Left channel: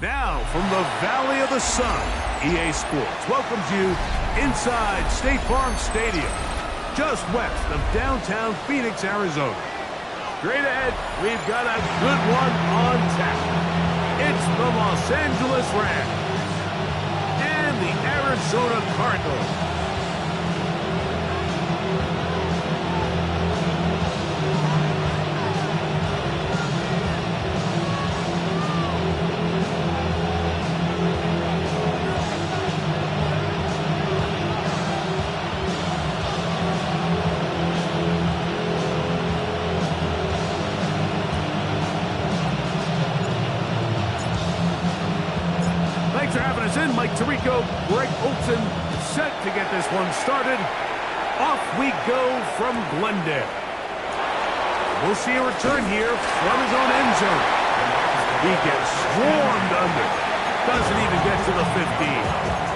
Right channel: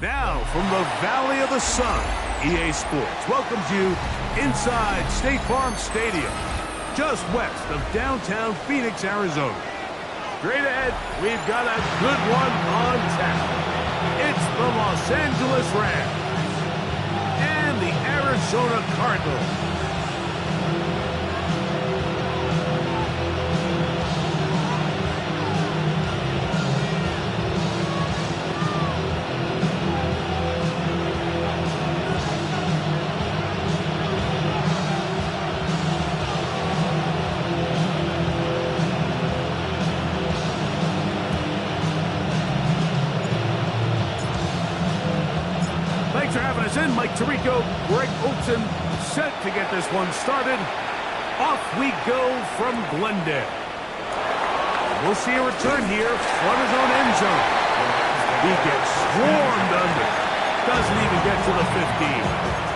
Now, from the Valley of the Sun, EA Sports welcomes you inside State Farm Stadium, just west of downtown Phoenix, Arizona. Straight ahead, we've got a good one on tap. It's the Los Angeles Rams and the Arizona Cardinals. Thanks for having us in. Mike Tirico, Greg Olson, set to get this one started. Off we go from Glendale. We'll see a return here from his own end zone. He gets swarmed under. Doesn't even get to the 15.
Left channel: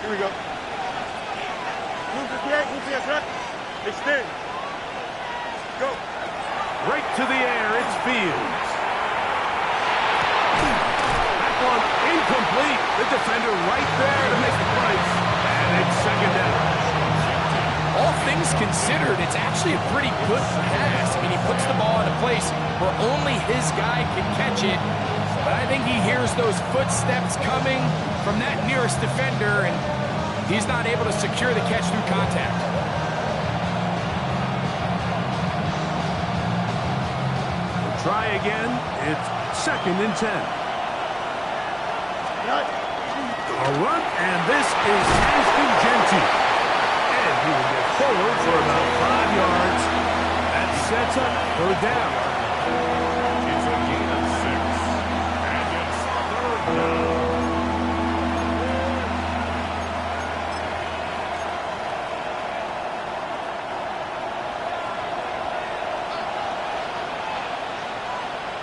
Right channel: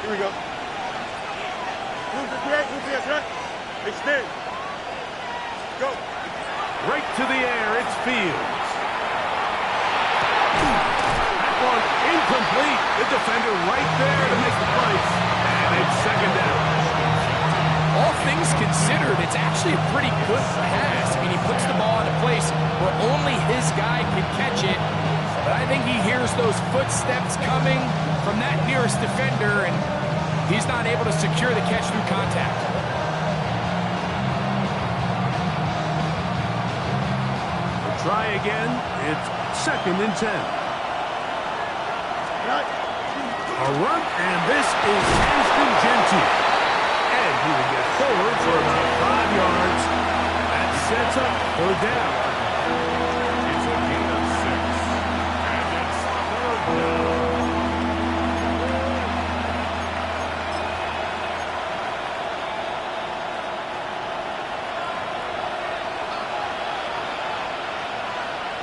Here we go. Move to the right. Extend. Go. Right to the air, it's Fields. That one incomplete. The defender right there to make the place. And it's second down. All things considered, it's actually a pretty good pass. I mean, he puts the ball in a place where only his guy can catch it. But I think he hears those footsteps coming from that nearest defender, and he's not able to secure the catch through contact. We'll try again. It's 2nd and 10. A run, and this is Ashton Genty. And he will get forward for about 5 yards. That sets up 3rd down. It's a gain of 6. And it's 3rd down.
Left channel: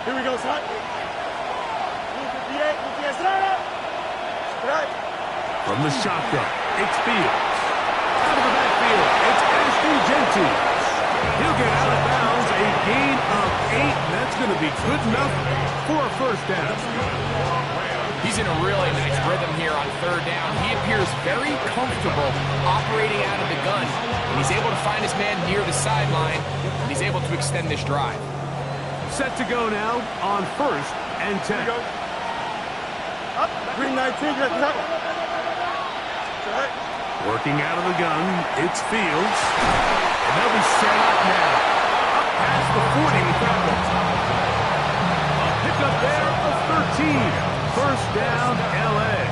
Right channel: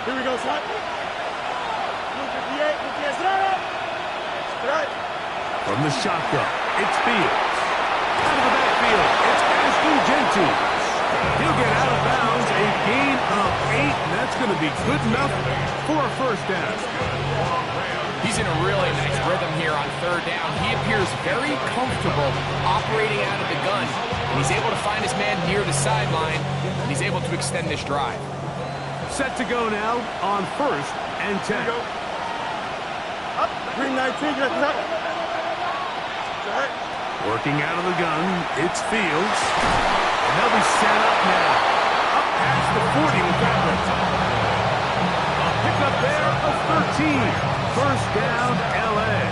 Here we go, son. Move to the 8. Move to the right. From the shotgun, it's Fields. Out of the backfield, it's Ashton Genty. He'll get out of bounds, a gain of 8, and that's going to be good enough for a 1st down. He's in a really nice rhythm here on 3rd down. He appears very comfortable operating out of the gun, and he's able to find his man near the sideline, and he's able to extend this drive. Set to go now on 1st and 10. Here we go. Up. Green 19. Working out of the gun, it's Fields. And they'll be set up now. Up past the 40 with that one. A pickup there of 13. 1st down, L.A.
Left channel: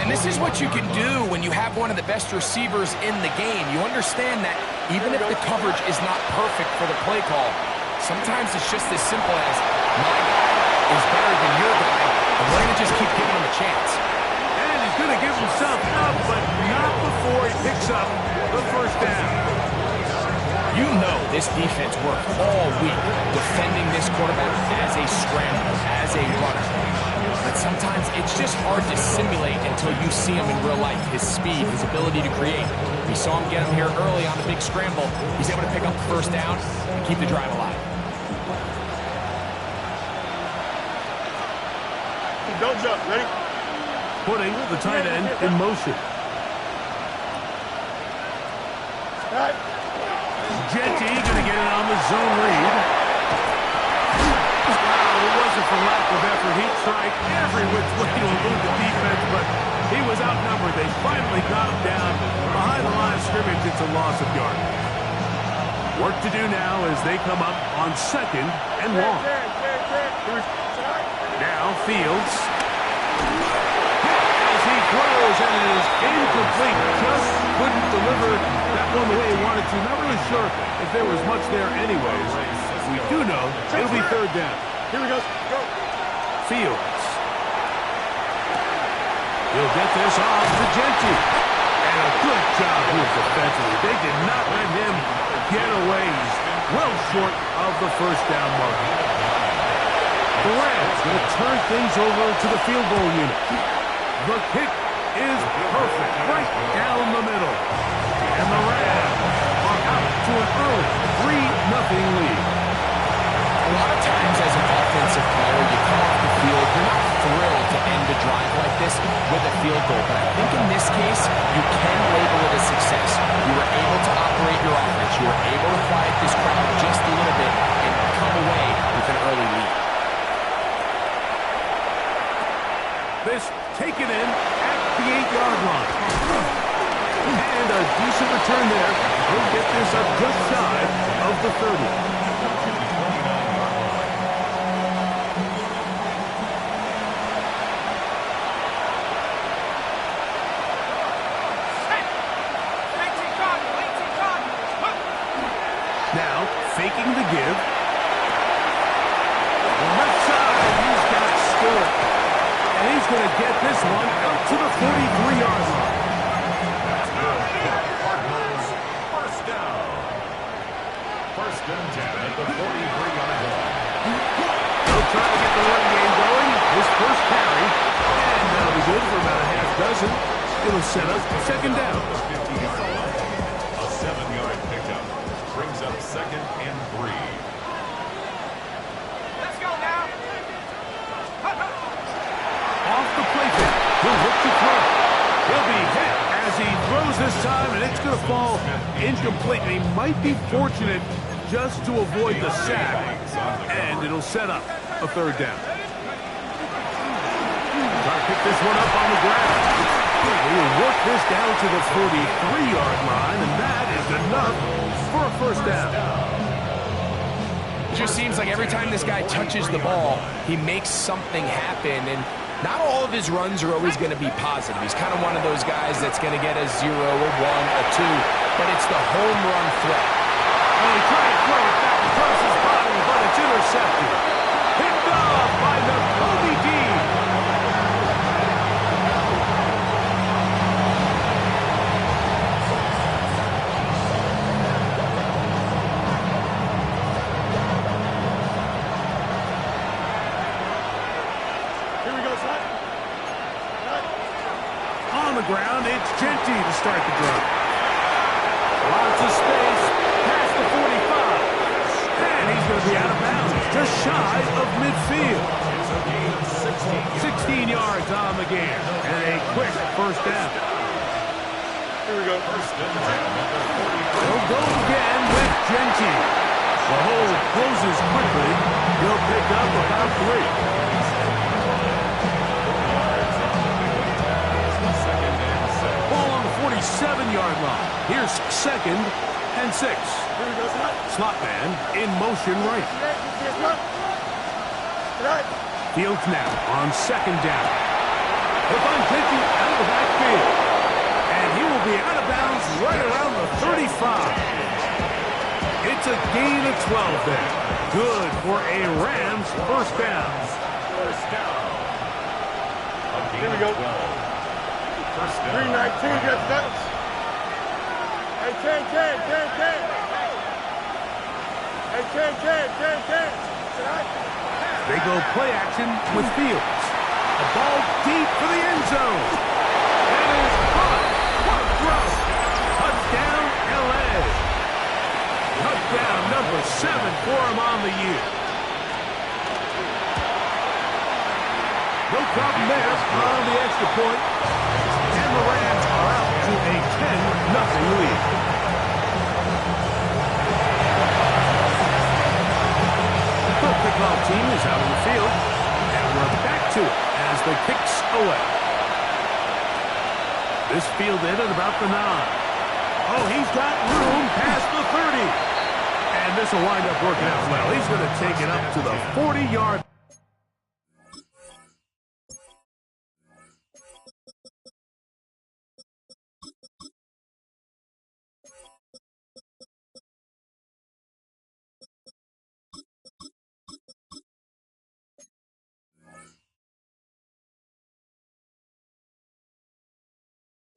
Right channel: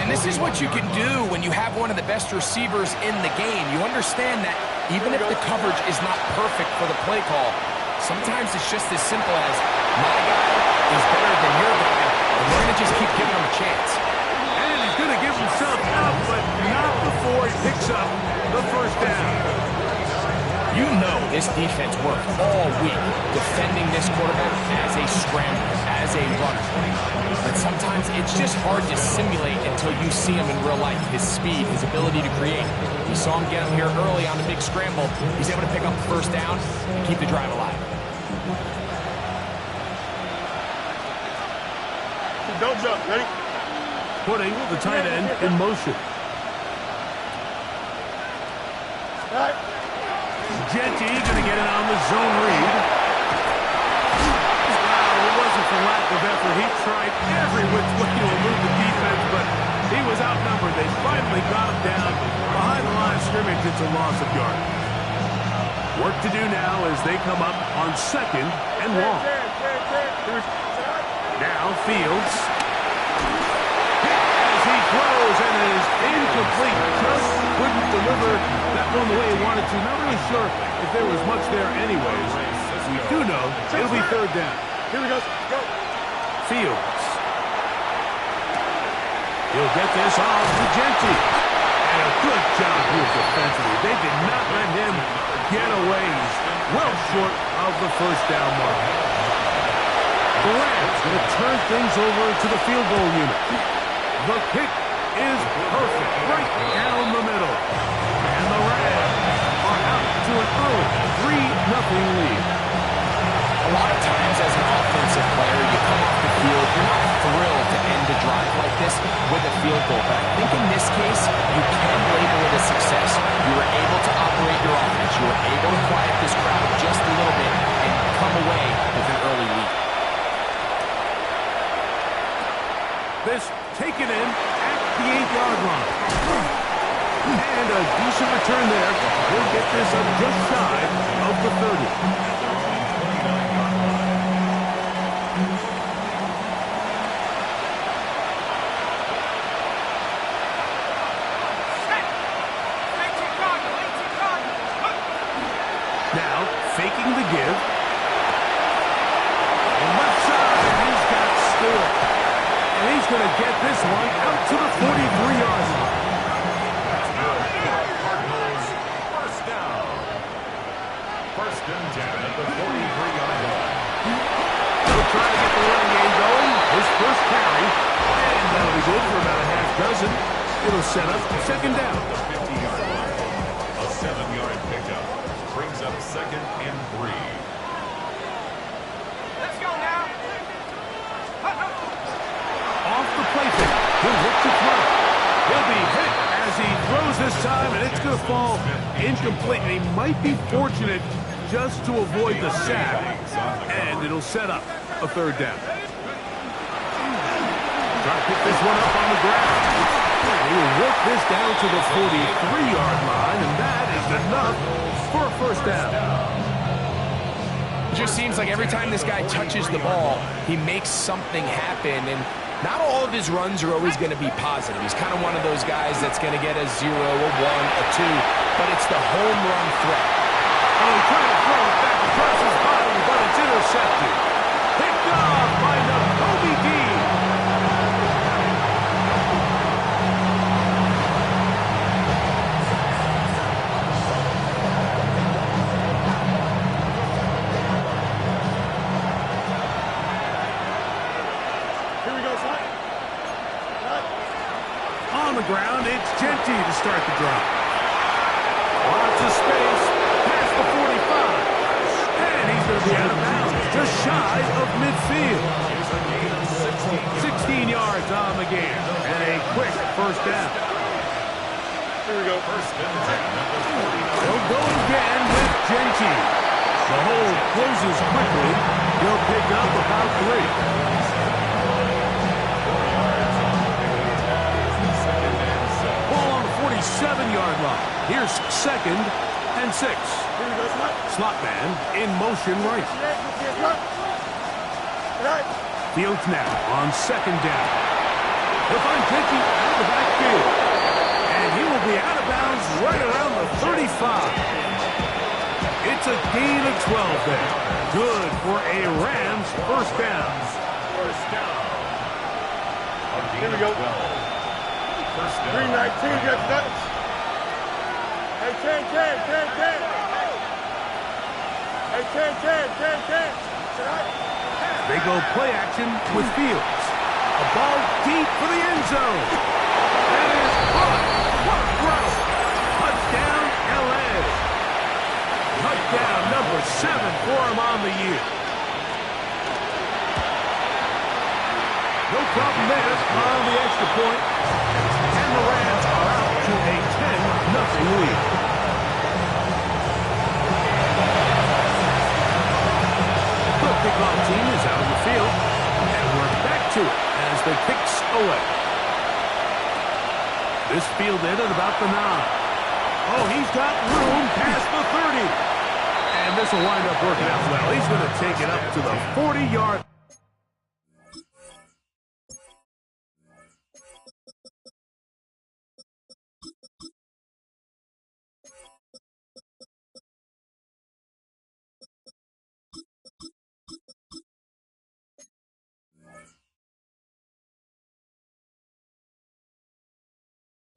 And this is what you can do when you have one of the best receivers in the game. You understand that even if the coverage is not perfect for the play call, sometimes it's just as simple as, my guy is better than your guy, and we're going to just keep giving him a chance. And he's going to give himself up, but not before he picks up the 1st down. You know this defense worked all week defending this quarterback as a scrambler, as a runner. But sometimes it's just hard to simulate until you see him in real life. His speed, his ability to create. We saw him get him here early on the big scramble. He's able to pick up the first down and keep the drive alive. Don't jump. Ready? Putting the tight end in motion. Right. Genty going to get it on the zone read. Wow, it wasn't for lack of effort. He tried every which way to elude the defense, but he was outnumbered. They finally got him down behind the line of scrimmage. It's a loss of yardage. Work to do now as they come up on 2nd and long. Now Fields. As he throws, and it is incomplete. Just couldn't deliver that one the way he wanted to. Not really sure if there was much there anyways. We do know it'll be 3rd down. Here we go. Go. Fields. He'll get this off to Genty. And a good job here defensively. They did not let him get away. He's well short of the first down mark. The Rams going to turn things over to the field goal unit. The kick is perfect, right down the middle. And the Rams are out to an early 3-0 lead. A lot of times as an offensive player, you come off the field, you're not thrilled to end a drive like this with a field goal. But I think in this case, you can label it a success. You were able to operate your offense. You were able to quiet this crowd just a little bit and come away with an early lead. This taken in at the 8-yard line. And a decent return there. He'll get this up just shy of the 30. Now, faking the give. On the left side, he's got Stewart. And he's going to get this one out to the 43-yard line. Cardinals, first down. 1st and 10 at the 43-yard line. He'll try to get the running game going. His first carry. And that'll be good for about a half dozen. It'll set up 2nd down. The 50-yard line. A 7-yard pickup. Brings up 2nd and 3. Let's go now. Off the play fake. He'll look to throw. He'll be hit as he throws this time, and it's going to fall incomplete. And he might be fortunate just to avoid the sack, and it'll set up a 3rd down. Try to pick this one up on the ground. He will work this down to the 43-yard line, and that is enough for a 1st down. It just seems like every time this guy touches the ball, he makes something happen, and not all of his runs are always going to be positive. He's kind of one of those guys that's going to get a 0, a 1, a 2, but it's the home run threat. Oh, he tried to throw it back across his body, but it's intercepted. Picked off by Nakobe Dean. On the ground, it's Genty to start the drive. Lots of space past the 45. And he's going to be out of bounds, just shy of midfield. 16 yards on the game, and a quick 1st down. Here we go. 1st and 10 at the 49. He'll go again with Genty. The hole closes quickly. He'll pick up about 3. Ball on the 47-yard line. Here's 2nd and 6. Here we go, Slot man in motion right. Fields now on 2nd down. He'll find Genty out of the backfield. And he will be out of bounds right around the 35. It's a gain of 12 there. Good for a Rams 1st down. 1st down. A gain Here we go. of 12. 1st down. 319, get that. Hey, 10. Hey, Ken. They go play action with Fields. A ball deep for the end zone. That is caught. What a throw. Touchdown, L.A. Touchdown number 7 for him on the year. No problem there on the extra point. And the Rams are out to a 10-0 lead. The kickoff team is out on the field. And we're back to it as the kicks away. This fielded at about the 9. Oh, he's got room past the 30. And this will wind up working out well. He's going to take it up to the 40-yard line.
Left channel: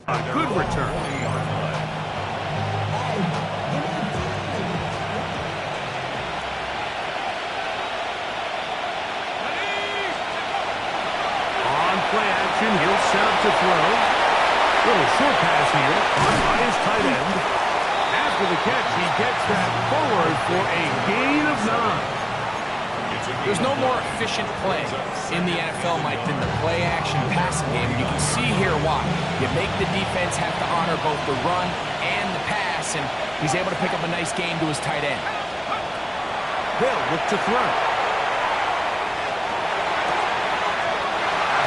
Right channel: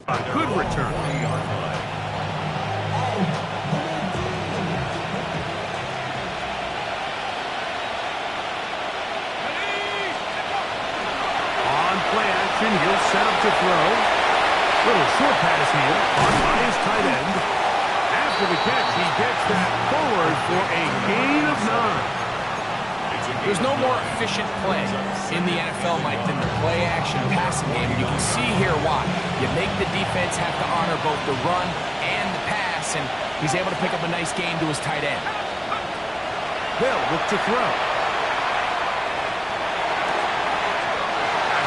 A good return. On play action, he'll set up to throw. Little short pass here, caught by his tight end. After the catch, he gets that forward for a gain of 9. There's no more efficient play in the NFL, Mike, than the play-action passing game. You can see here why. You make the defense have to honor both the run and the pass, and he's able to pick up a nice gain to his tight end. They'll look to throw.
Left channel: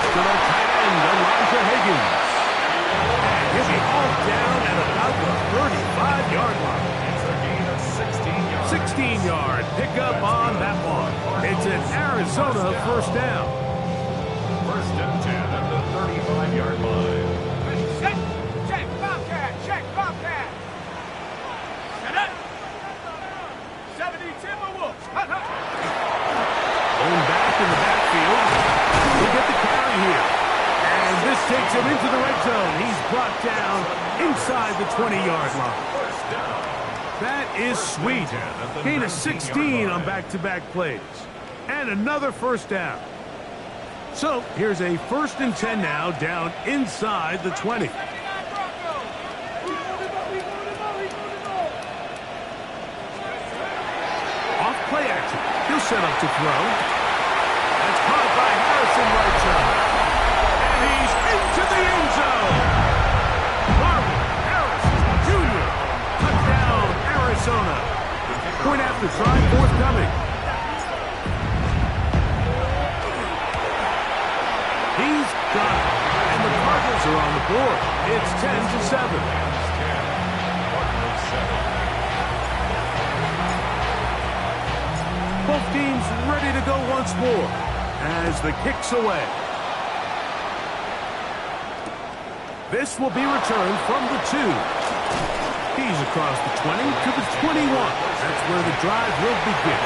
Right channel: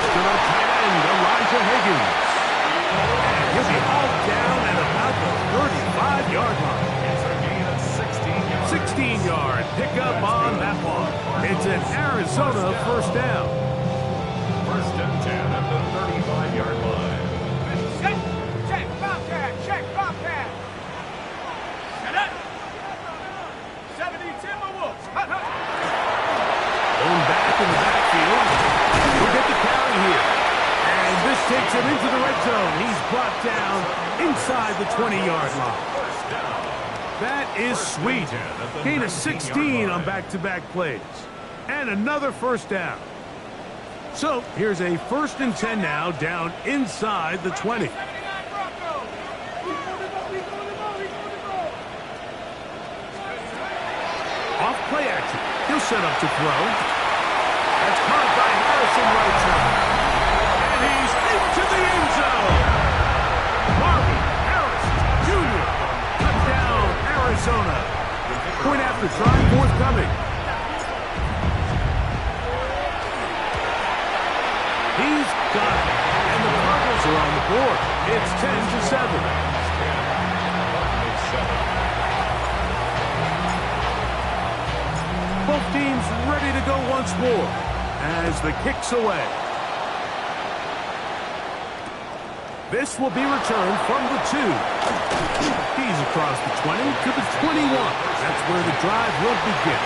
To the tight end, Elijah Higgins. And he'll be hauled down at about the 35-yard line. 16-yard pickup on that one. It's an Arizona first down. First and 10 at the 35-yard line. Check, Bobcat. Set up. 70 Timberwolves. Blown back in the backfield. He'll get the carry here. And this takes him into the red zone. He's brought down inside the 20-yard line. First down. That is sweet. Gain of 16 on back-to-back plays. And another first down. So here's a 1st and 10 now down inside the 20. Off play action. He'll set up to throw. That's caught by Harrison right side. And he's into the end zone. Marvin Harrison Jr. Touchdown, Arizona. Point after try forthcoming. He's got it. And the Cardinals are on the board. It's 10-7. Both teams ready to go once more as the kick's away. This will be returned from the 2. He's across the 20 to the 21. That's where the drive will begin.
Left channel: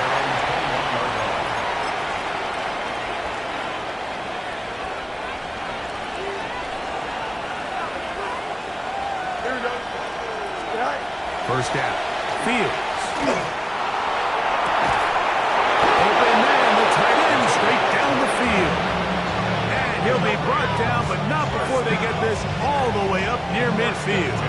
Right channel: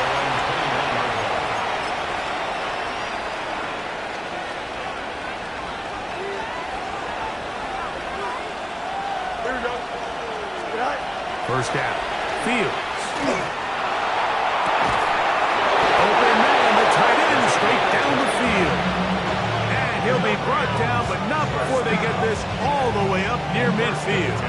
Here we go. First down. Fields. Open man, the tight end straight down the field. And he'll be brought down, but not before they get this all the way up near midfield.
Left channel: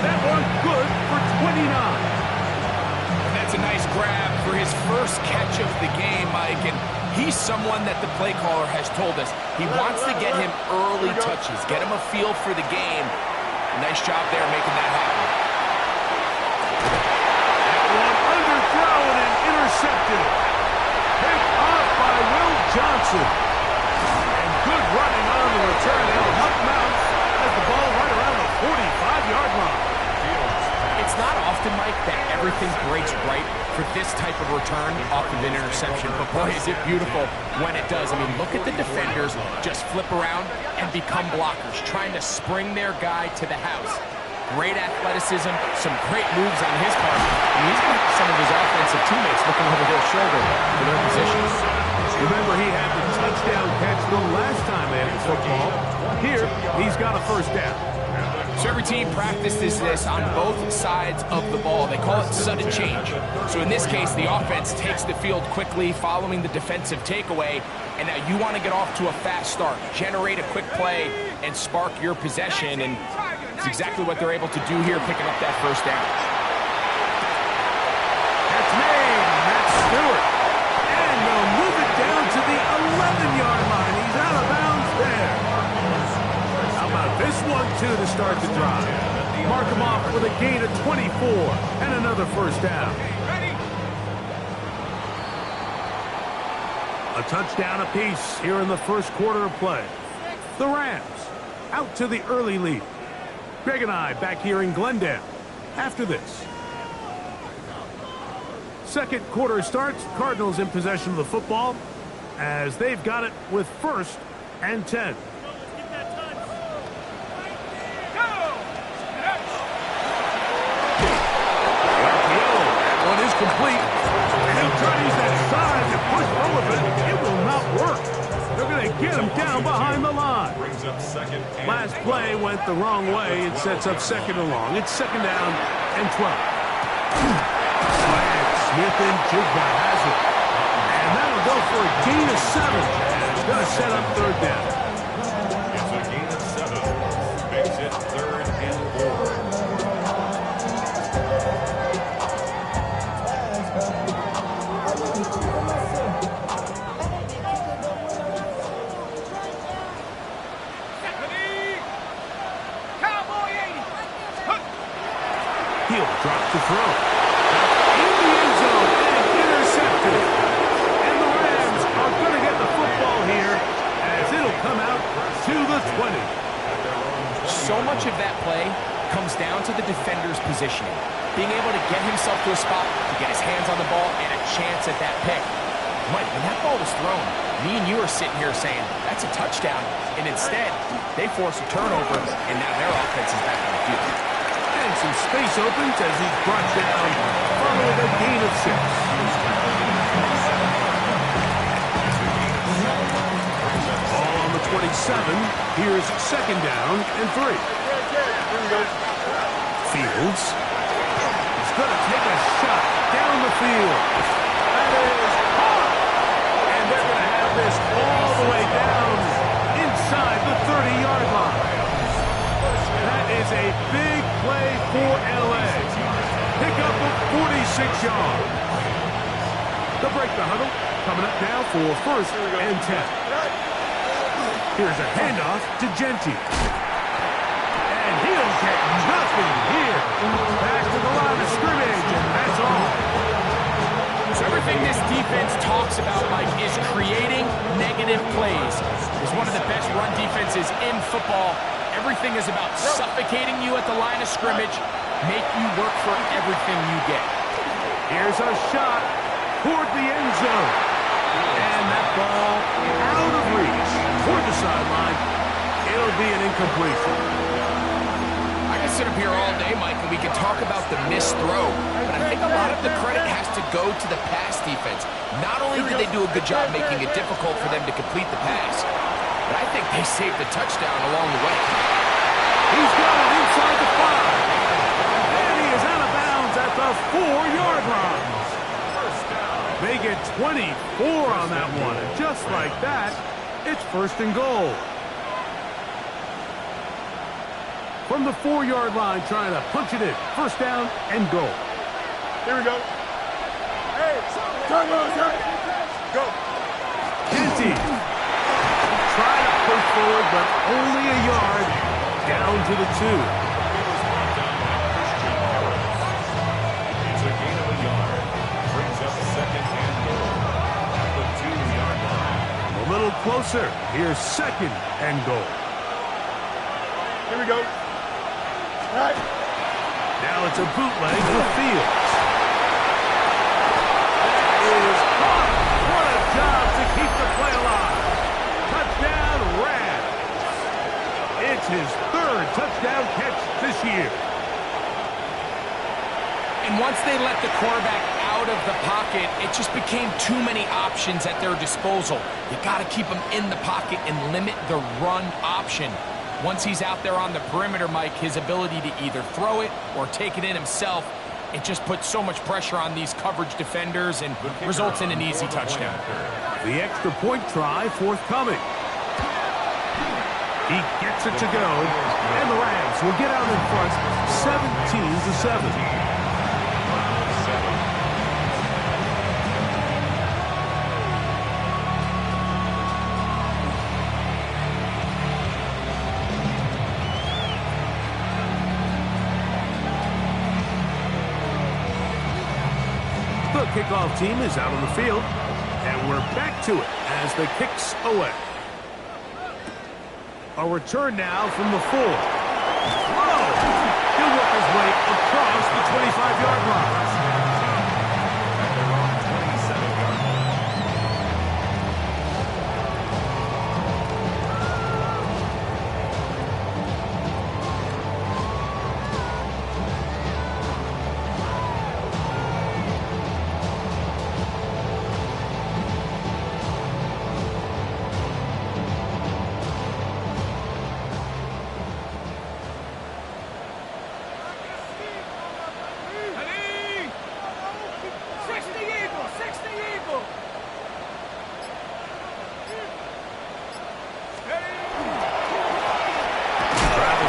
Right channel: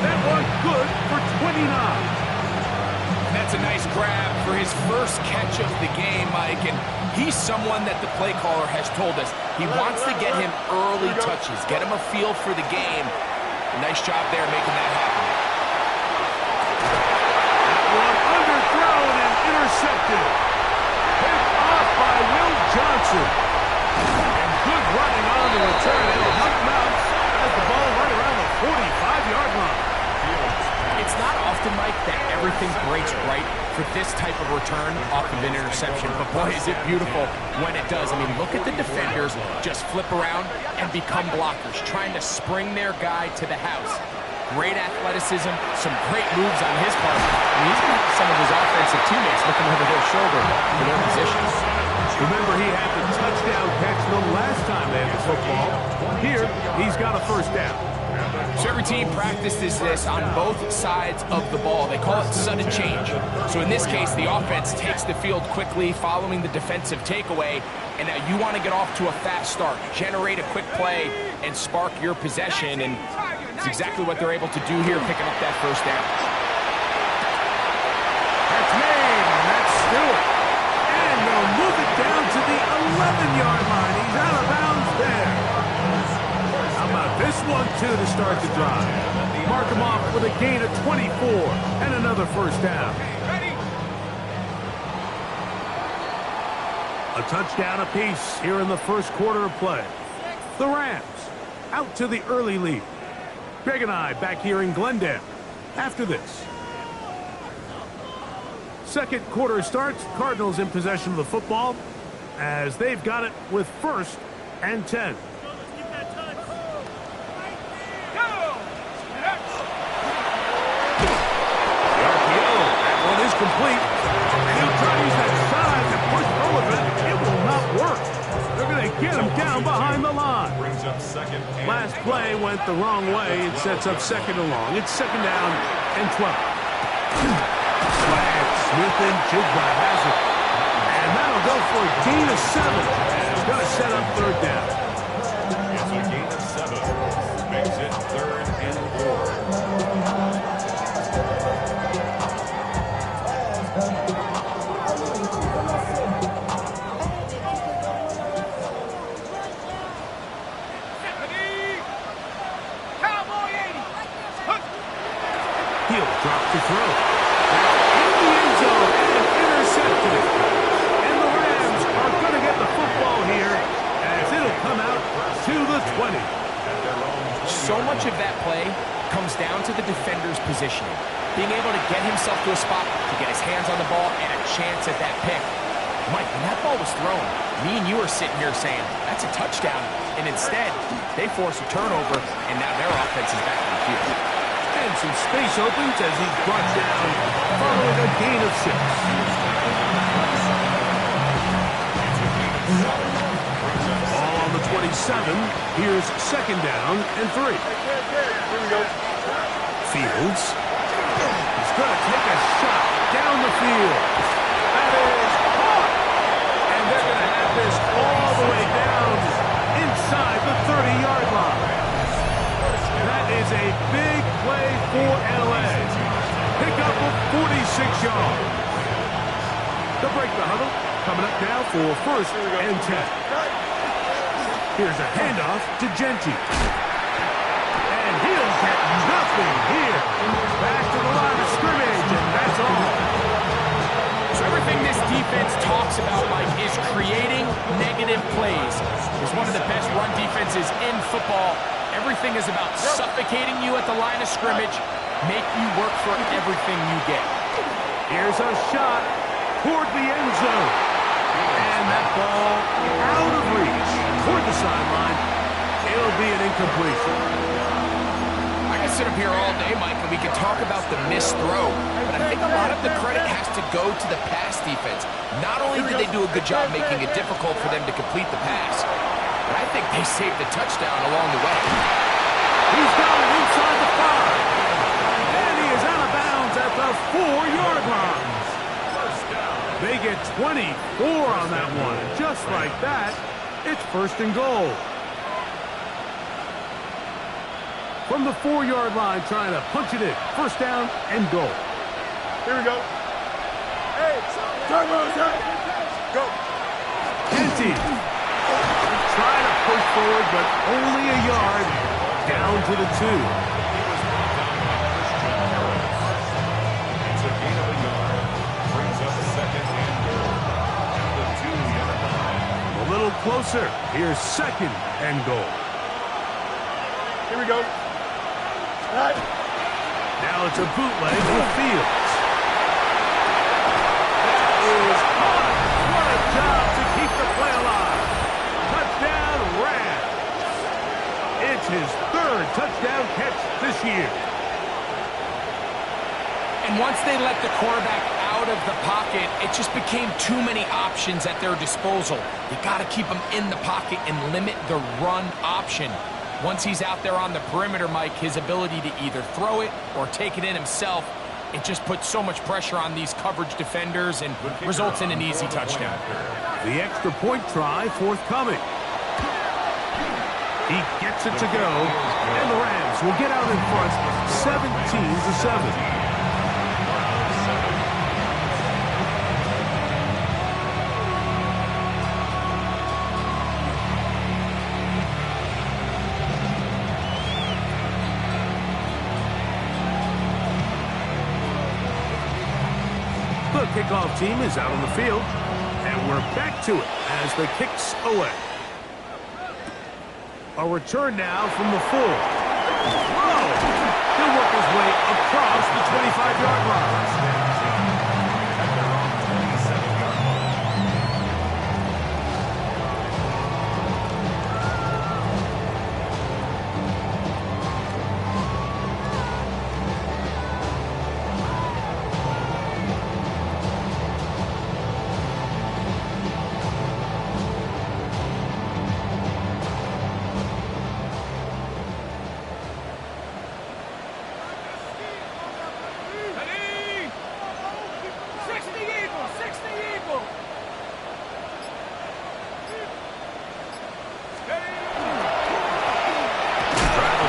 That one good for 29. And that's a nice grab for his first catch of the game, Mike. And he's someone that the play caller has told us he wants to get him early touches, get him a feel for the game. Nice job there making that happen. That one underthrown and intercepted. Picked off by Will Johnson. And good running on the return. It'll help him out as the ball right around the 45-yard line. It's not often, Mike, that everything breaks right for this type of return off of an interception. But boy, is it beautiful when it does. I mean, look at the defenders just flip around and become blockers, trying to spring their guy to the house. Great athleticism, some great moves on his part. I mean, he's going to have some of his offensive teammates looking over their shoulder for their positions. Remember, he had the touchdown catch the last time they had the football. Here, he's got a first down. So every team practices this on both sides of the ball. They call it sudden change. So in this case, the offense takes the field quickly following the defensive takeaway, and now you want to get off to a fast start, generate a quick play, and spark your possession, and it's exactly what they're able to do here, picking up that first down. That's made, and that's Stewart. And they'll move it down to the 11-yard line. He's out of bounds there. How about this one, too, to start the drive? Mark him off with a gain of 24 and another first down. A touchdown apiece here in the first quarter of play. The Rams out to the early lead. Greg and I back here in Glendale after this. Second quarter starts. Cardinals in possession of the football as they've got it with 1st and 10. Is complete, and he'll try to use that size and push forward, but it will not work. They're going to get him down behind the line. Last play went the wrong way. It sets up 2nd and long. It's 2nd down and 12. Smith and Jigba has it, and that'll go for a gain of 7, and it's going to set up 3rd down. It's a gain of 7. Makes it 3rd and 4. He'll drop to throw. In the end zone and intercepted. And the Rams are going to get the football here as it'll come out to the 20. So much of that play comes down to the defender's positioning. Being able to get himself to a spot to get his hands on the ball and a chance at that pick. Mike, when that ball was thrown, me and you are sitting here saying, that's a touchdown. And instead, they force a turnover, and now their offense is back on the field. And some space opens as he's brought down following a gain of 6. Ball on the 27. Here's 2nd down and 3. Fields. He's going to take a shot down the field. That is caught. And they're going to have this all the way down inside the 30-yard line. That is a big play for L.A. Pickup of 46 yards. They'll break the huddle. Coming up now for 1st and 10. Here's a handoff to Genty. And he'll get nothing here. Back to the line of scrimmage, and that's all. So everything this defense talks about, Mike, is creating negative plays. It's one of the best run defenses in football. Everything is about suffocating you at the line of scrimmage, make you work for everything you get. Here's a shot toward the end zone. And that ball out of reach toward the sideline. It'll be an incompletion. I can sit up here all day, Mike, and we can talk about the missed throw, but I think a lot of the credit has to go to the pass defense. Not only did they do a good job making it difficult for them to complete the pass, but I think they saved the touchdown along the way. He's got it inside the 5. And he is out of bounds at the 4-yard line. They get 24 on that one. And just like that, it's 1st and goal. From the 4-yard line, trying to punch it in. 1st down and goal. Here we go. Hey, turn, go. Genty. Try to push forward, but only a yard down to the 2. He was brought down by Christian Harris. It's a gain of a yard. Brings up 2nd and goal at the 2-yard line. A little closer. Here's 2nd and goal. Here we go. All right. Now it's a bootleg to Fields. That is caught. What a job to keep the play alive. Touchdown, Rams. It's his 3rd touchdown catch this year. And once they let the quarterback out of the pocket, it just became too many options at their disposal. You got to keep them in the pocket and limit the run option. Once he's out there on the perimeter, Mike, his ability to either throw it or take it in himself, it just puts so much pressure on these coverage defenders and results in an easy touchdown. The extra point try forthcoming. He gets it to go, and the Rams will get out in front 17-7. The kickoff team is out on the field, and we're back to it as the kick's away. A return now from the 4. Whoa! He'll work his way across the 25-yard line. At their own 27-yard line.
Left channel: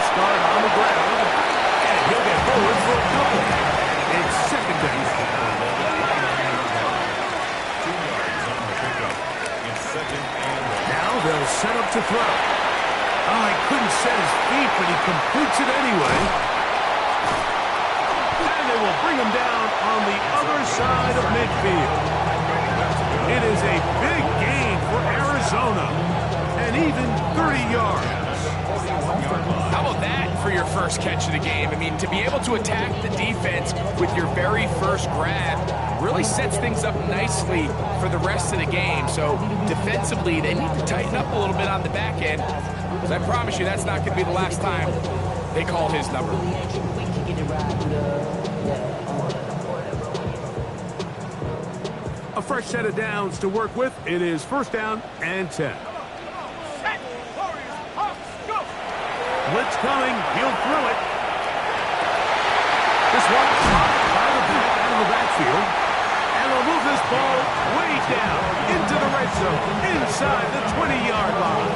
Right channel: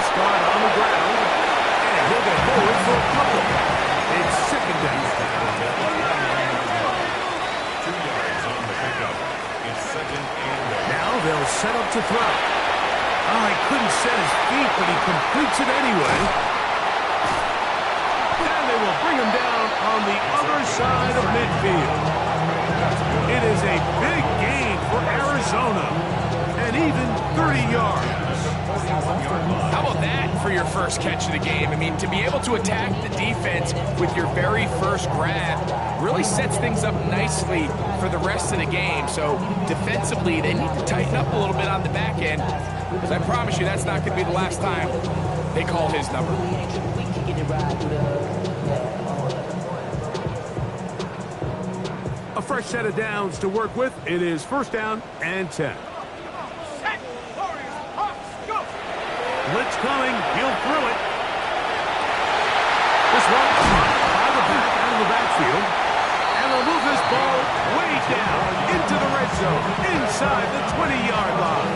Start on the ground, and he'll get forward for a couple. It's second down. 2 yards on the pickup. It's second and now they'll set up to throw. Oh, he couldn't set his feet, but he completes it anyway. And they will bring him down on the other side of midfield. It is a big gain for Arizona, and even 30 yards. How about that for your first catch of the game? I mean, to be able to attack the defense with your very first grab really sets things up nicely for the rest of the game. So defensively, they need to tighten up a little bit on the back end, because I promise you that's not going to be the last time they call his number. A fresh set of downs to work with. It is first down and 10. Blitz coming. He'll throw it. This one blocked by the back out of the backfield. And they'll move this ball way down into the red zone, inside the 20-yard line.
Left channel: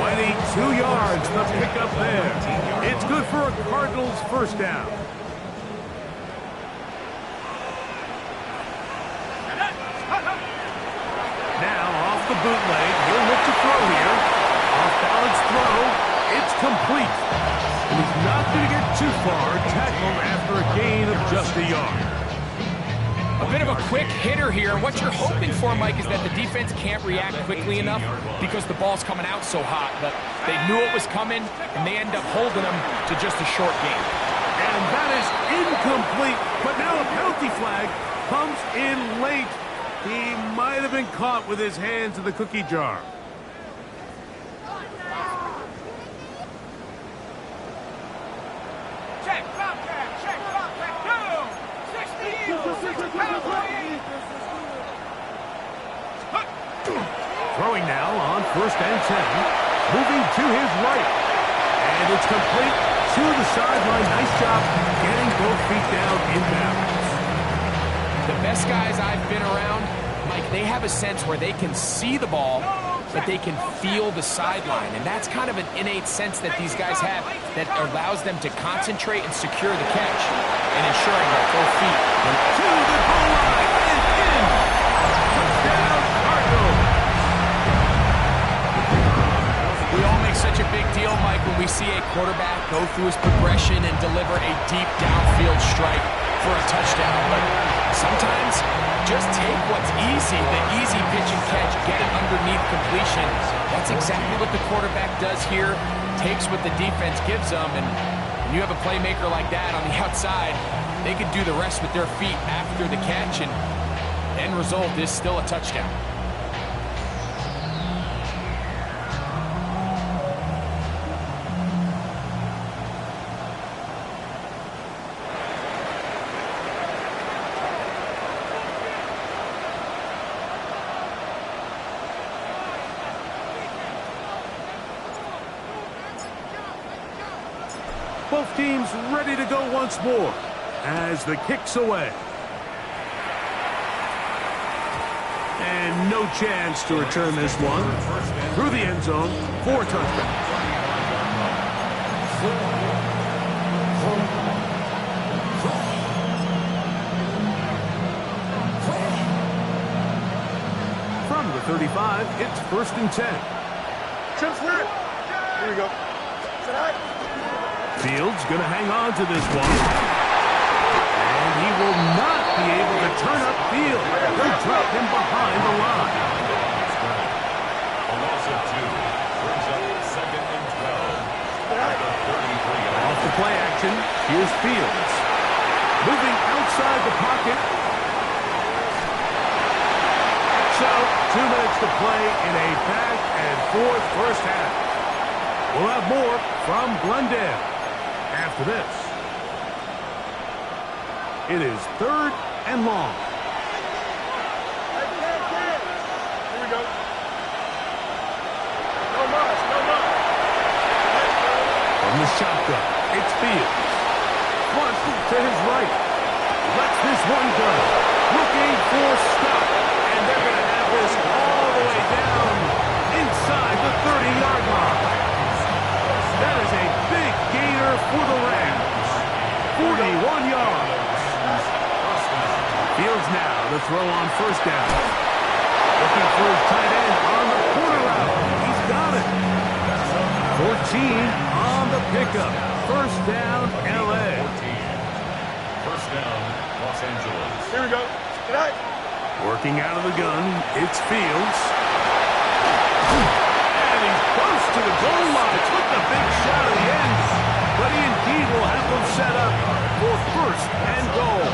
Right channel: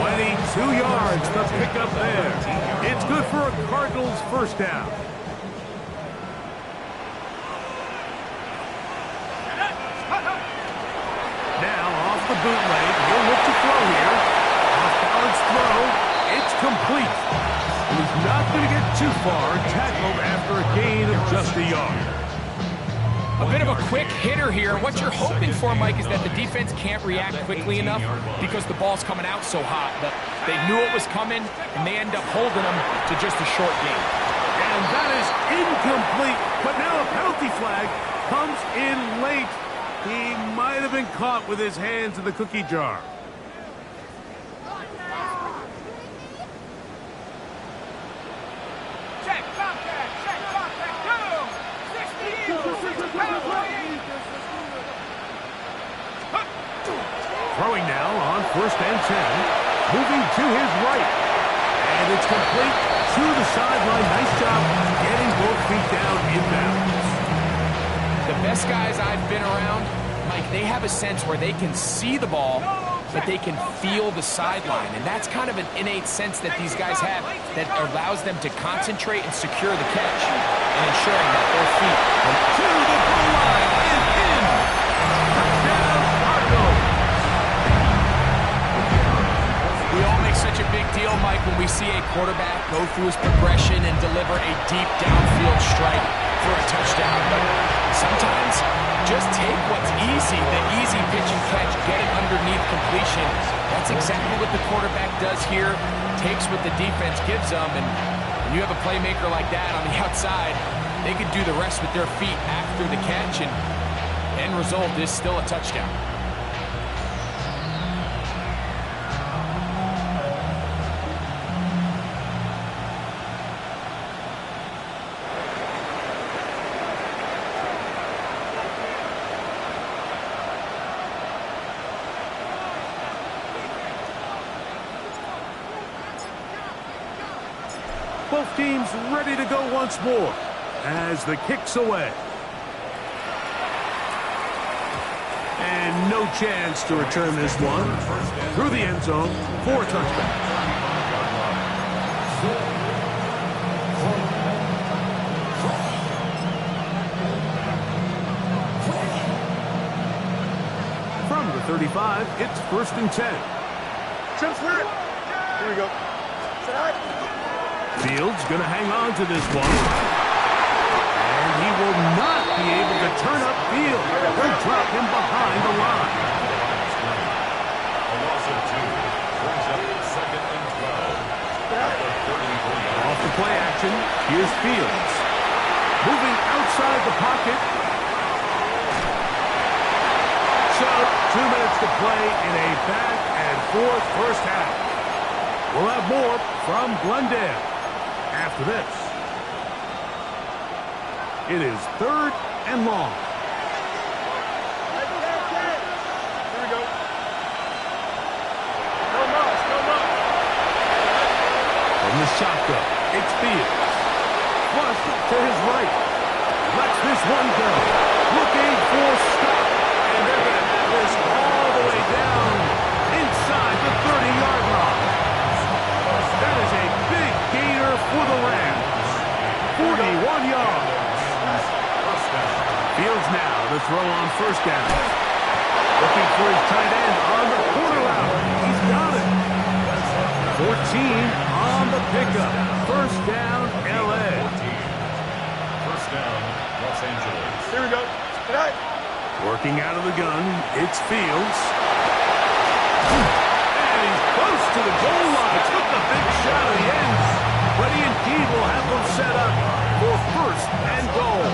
22 yards to pick up there. It's good for a Cardinals first down. Now off the bootleg. He'll look to throw here. Off-balance throw. It's complete. And he's not going to get too far, tackled after a gain of just a yard. A bit of a quick hitter here. What you're hoping for, Mike, is that the defense can't react quickly enough because the ball's coming out so hot. But they knew it was coming, and they end up holding them to just a short gain. And that is incomplete. But now a penalty flag comes in late. He might have been caught with his hands in the cookie jar. Throwing now on first and 10. Moving to his right. And it's complete to the sideline. Nice job getting both feet down inbounds. The best guys I've been around, Mike, they have a sense where they can see the ball, but they can feel the sideline. And that's kind of an innate sense that these guys have that allows them to concentrate and secure the catch and ensuring that both feet to the goal line and in. Touchdown, Cardinals. We all make such a big deal, Mike, when we see a quarterback go through his progression and deliver a deep downfield strike for a touchdown. But sometimes just take what's easy, the easy pitch and catch, get it underneath completion. That's exactly what the quarterback does here, takes what the defense gives them, and when you have a playmaker like that on the outside, they could do the rest with their feet after the catch, and end result is still a touchdown. Both teams ready to go once more as the kick's away. And no chance to return this one. Through the end zone for a touchback. From the 35, it's 1st and 10. Trim sweep. Here we go. Sit high. Fields going to hang on to this one. And he will not be able to turn up field. They'll drop him behind the line. A loss of 2 brings up 2nd and 12. At the 33-yard. Off the play action, here's Fields. Moving outside the pocket. So, 2 minutes to play in a back-and-forth first half. We'll have more from Glendale after this. It is 3rd and long. Here we go. No muss, no muss. From the shotgun, it's Fields. Flush to his right. Lets this one go. Looking for stop. And they're going to have this all the way down inside the 30-yard line. That is a big gainer for the Rams. 41 yards. Fields now to throw on 1st down. Looking for his tight end on the corner route. He's got it. 14 on the pickup. 1st down, L.A. 1st down, Los Angeles. Here we go. Good night. Working out of the gun, it's Fields. And he's close to the goal line. Took the big shot at the end. But he indeed will have them set up for 1st and goal.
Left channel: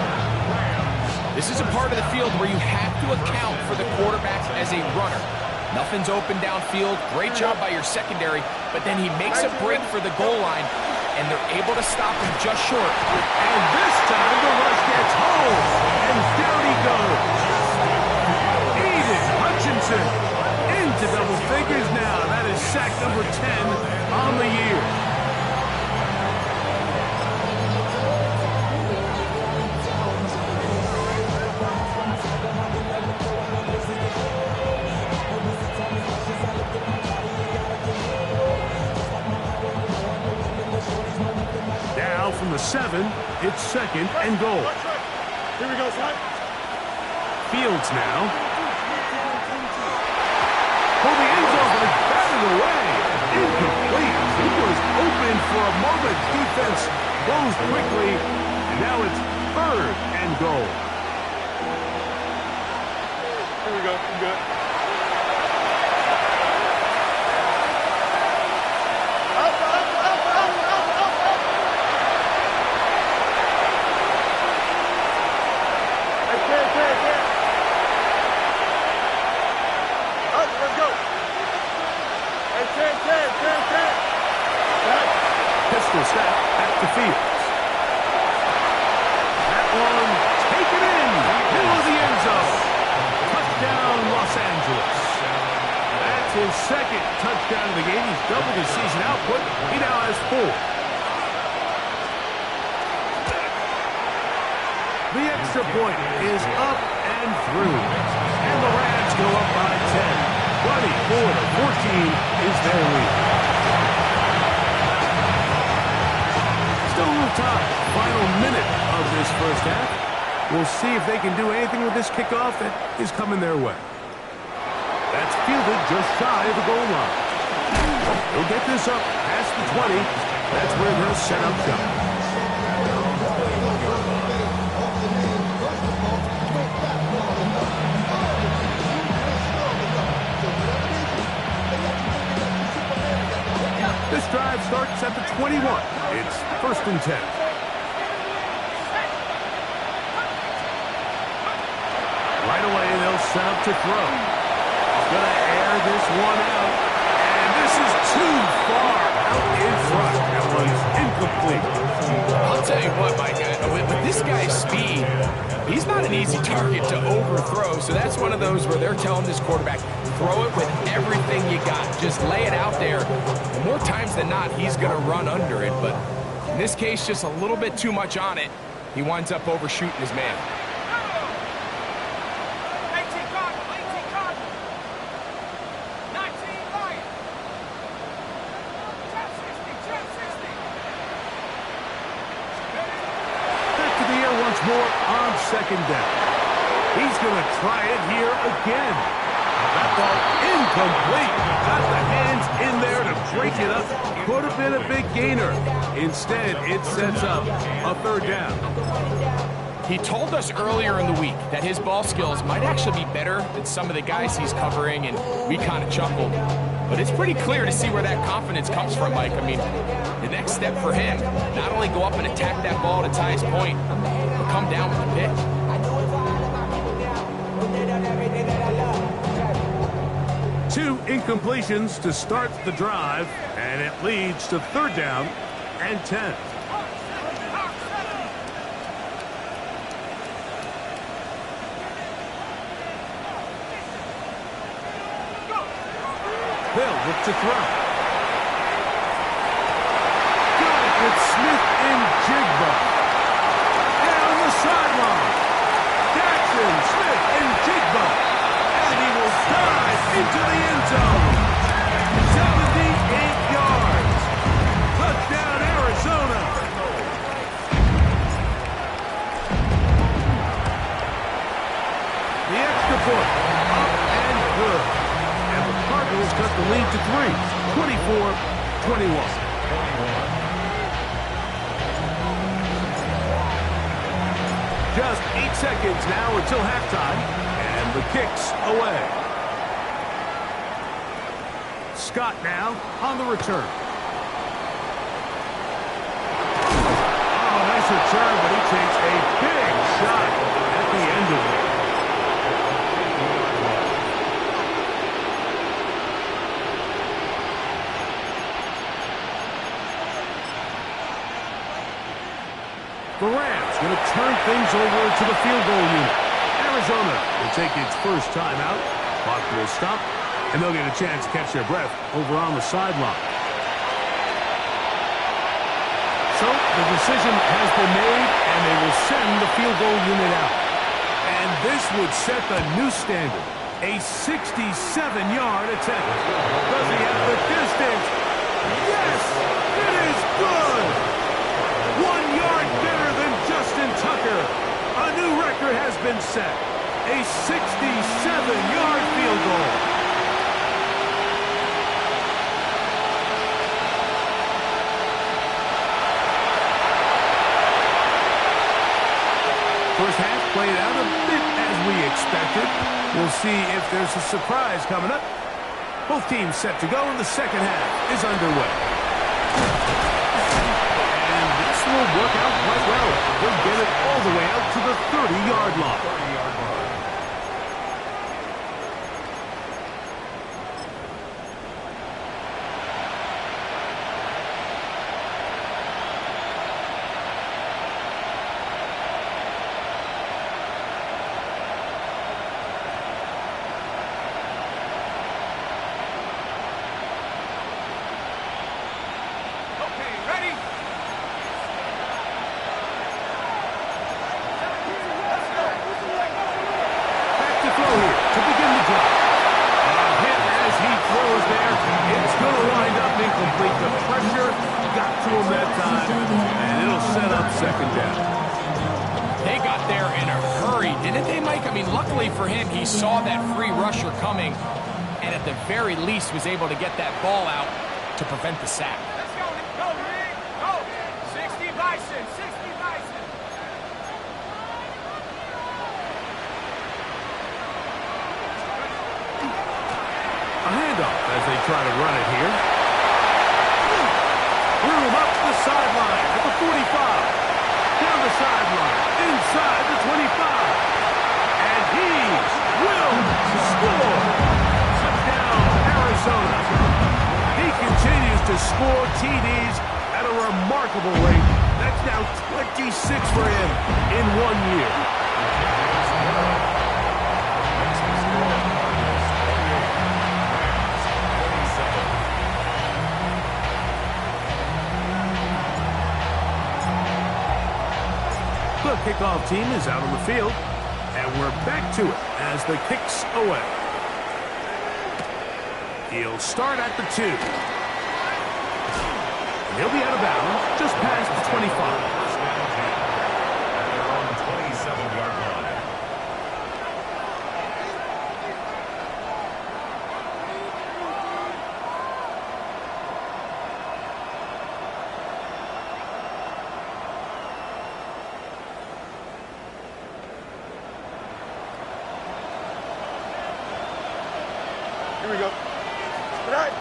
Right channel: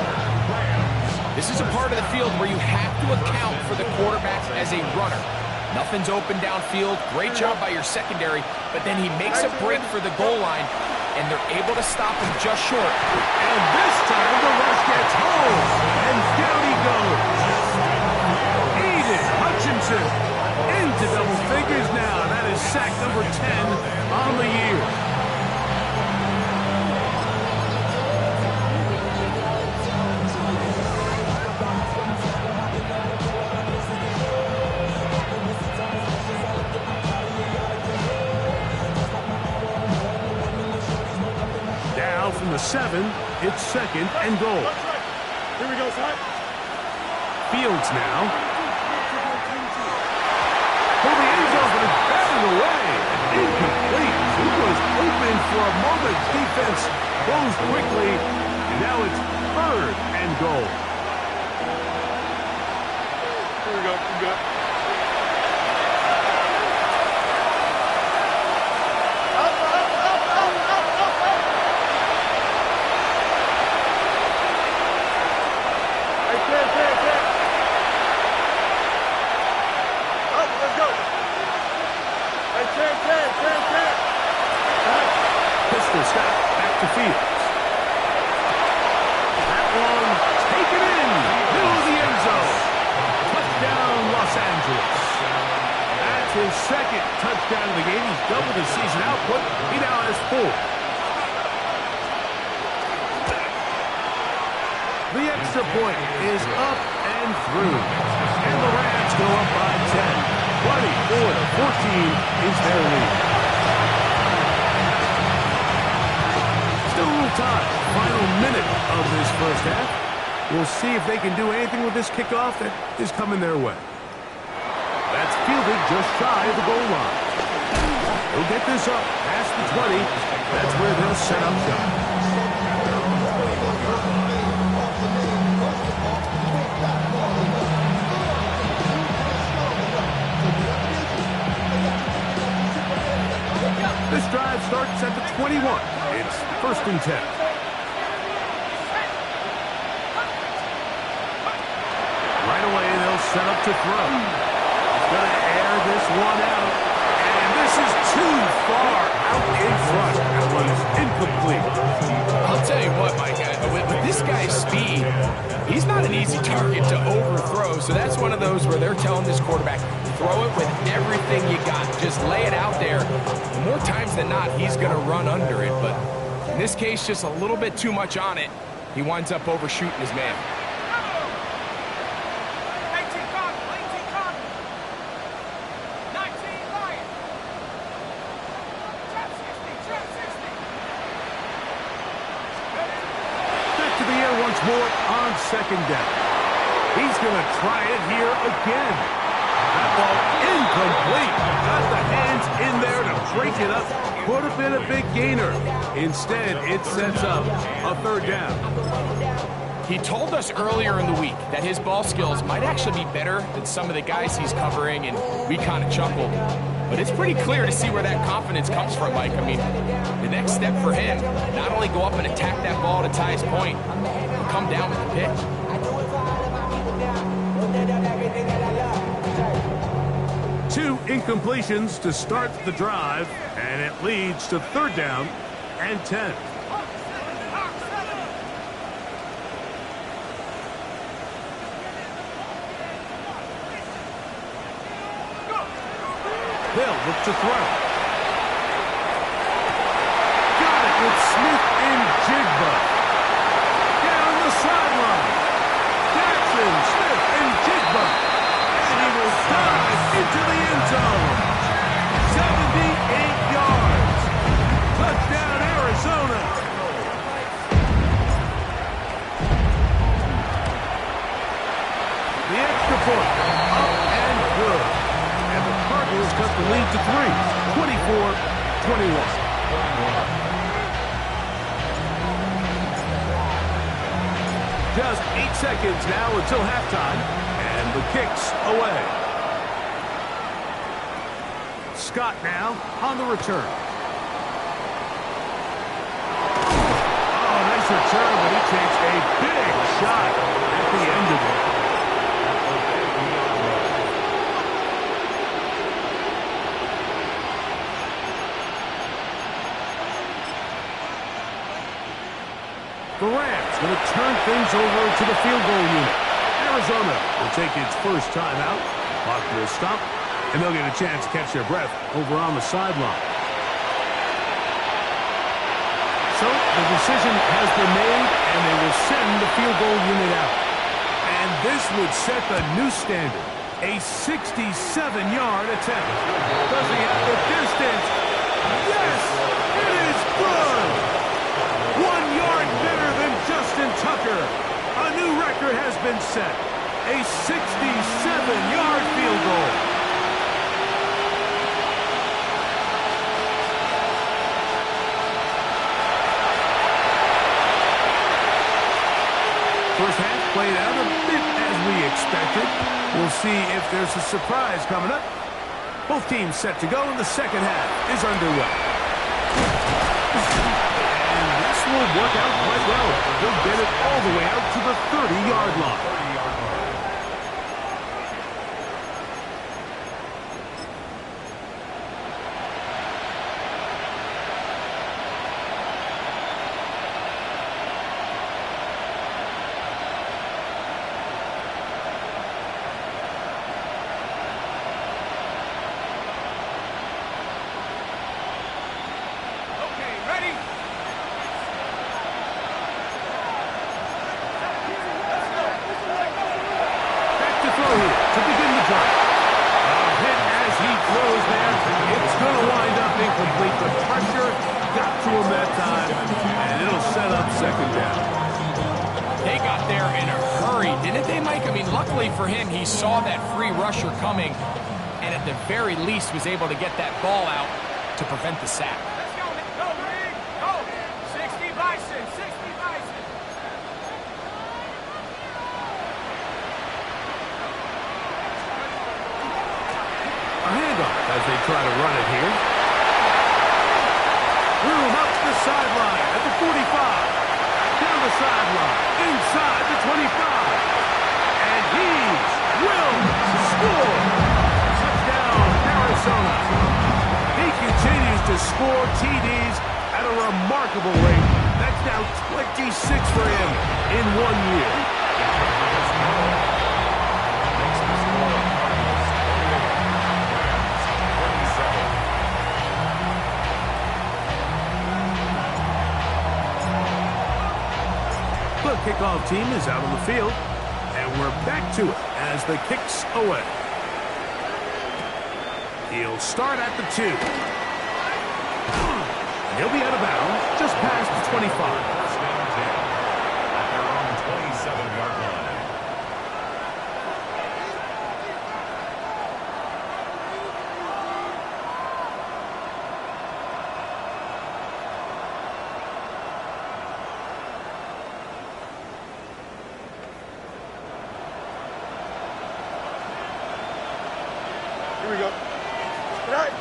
This is a part of the field where you have to account for the quarterback as a runner. Nothing's open downfield. Great job by your secondary. But then he makes a break for the goal line, and they're able to stop him just short. And this time the rush gets home. And down he goes. Aiden Hutchinson into double figures now. That is sack number 10 on the year. Now from the 7, it's 2nd and goal. Here we go, son. Fields now. For the end zone, but it's batted away. Incomplete. He was open for a moment. Defense closed quickly. And now it's 3rd and goal. Here we go. I'm good. Pistol snap back to Fields. That one taken in. Middle of the end zone. Touchdown, Los Angeles. That's his 2nd touchdown of the game. He's doubled his season output. He now has 4. The extra point is up and through. And the Rams go up by 10. 24-14 is their lead. Still a little time. Final minute of this first half. We'll see if they can do anything with this kickoff that is coming their way. That's fielded just shy of the goal line. He'll get this up past the 20. That's where they'll set up shop. This drive starts at the 21. It's 1st and 10. Right away, they'll set up to throw. He's going to air this one out. And this is too far out in front. That one's incomplete. I'll tell you what, Mike, with this guy's speed, he's not an easy target to overthrow. So that's one of those where they're telling this quarterback, throw it with everything you got. Just lay it out there. And more times than not, he's going to run under it. But In this case, just a little bit too much on it. He winds up overshooting his man. 18 Cardinal, 18 Cardinal. 19 Lion. Trap 60, trap 60. Back to the air once more on second down. He's going to try it here again. That ball incomplete. Got the hands in there to break it up. Could have been a big gainer. Instead, it sets up a third down. He told us earlier in the week that his ball skills might actually be better than some of the guys he's covering, and we kind of chuckled. But it's pretty clear to see where that confidence comes from, Mike. I mean, the next step for him, not only go up and attack that ball to tie his point, but come down with the pitch. Two incompletions to start the drive, and it leads to third down and 10. They'll look to throw. Got it with Smith and Jigba. Down the sideline. Jackson, Smith, and Jigba. And he will dive into the end zone. 78 yards. Touchdown, Arizona. The extra point. Up and good. And the Cardinals cut the lead to 3. 24-21. Just 8 seconds now until halftime, and the kick's away. Scott now on the return. Oh, nice return, but he takes a big shot at the end of it. The Rams going to turn things over to the field goal unit. Arizona will take its first timeout. Clock will stop, and they'll get a chance to catch their breath over on the sideline. So the decision has been made, and they will send the field goal unit out. And this would set the new standard. A 67-yard attempt. Does he have the distance? Yes! It is good! 1 yard better than Justin Tucker. A new record has been set. A 67-yard field goal. First half played out a bit as we expected. We'll see if there's a surprise coming up. Both teams set to go, and the second half is underway. Will work out quite well. He'll get it all the way out to the 30-yard line. Okay, ready? Throw here to begin the drive. A hit as he throws there. It's going to wind up incomplete. The pressure got to him that time, and it'll set up second down. They got there in a hurry, didn't they, Mike? I mean, luckily for him, he saw that free rusher coming, and at the very least was able to get that ball out to prevent the sack. Let's go, Nick. Go, Nick. Go. 60 Bison, 60 Bison. A handoff as they try to run it here. Room up the sideline at the 45. Down the sideline, inside the 25. And he will score. Touchdown, Arizona. He continues to score TDs at a remarkable rate. That's now 26 for him in 1 year. The kickoff team is out on the field, and we're back to it as the kick's away. He'll start at the 2. He'll be out of bounds just past the 25. First and 10 at their own 27-yard line. Here we go. Good night.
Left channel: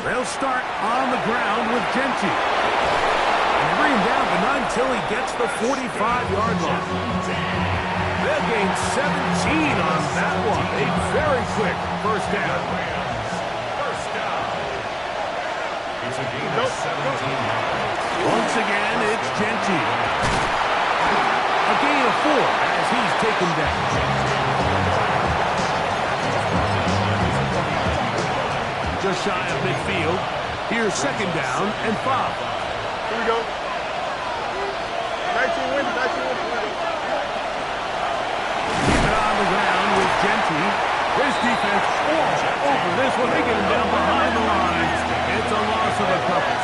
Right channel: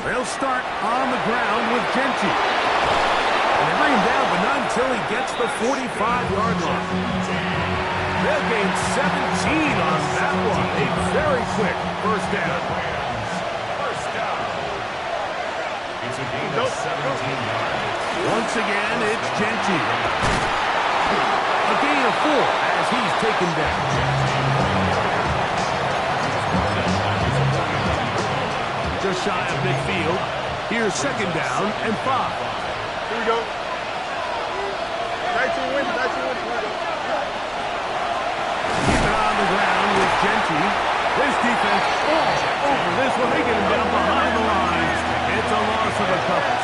They'll start on the ground with Genty. And they bring him down, but not until he gets the 45-yard line. They'll gain 17 on that one. A very quick first down. First down. It's a gain of 17 yards. Once again, it's Genty. A gain of 4 as he's taken down. Just shy of midfield. Here's second down and 5. Here we go. 19 wins, 19 wins. Keep it on the ground with Genty. This defense all over this one. They get him down behind the line. It's a loss of a couple.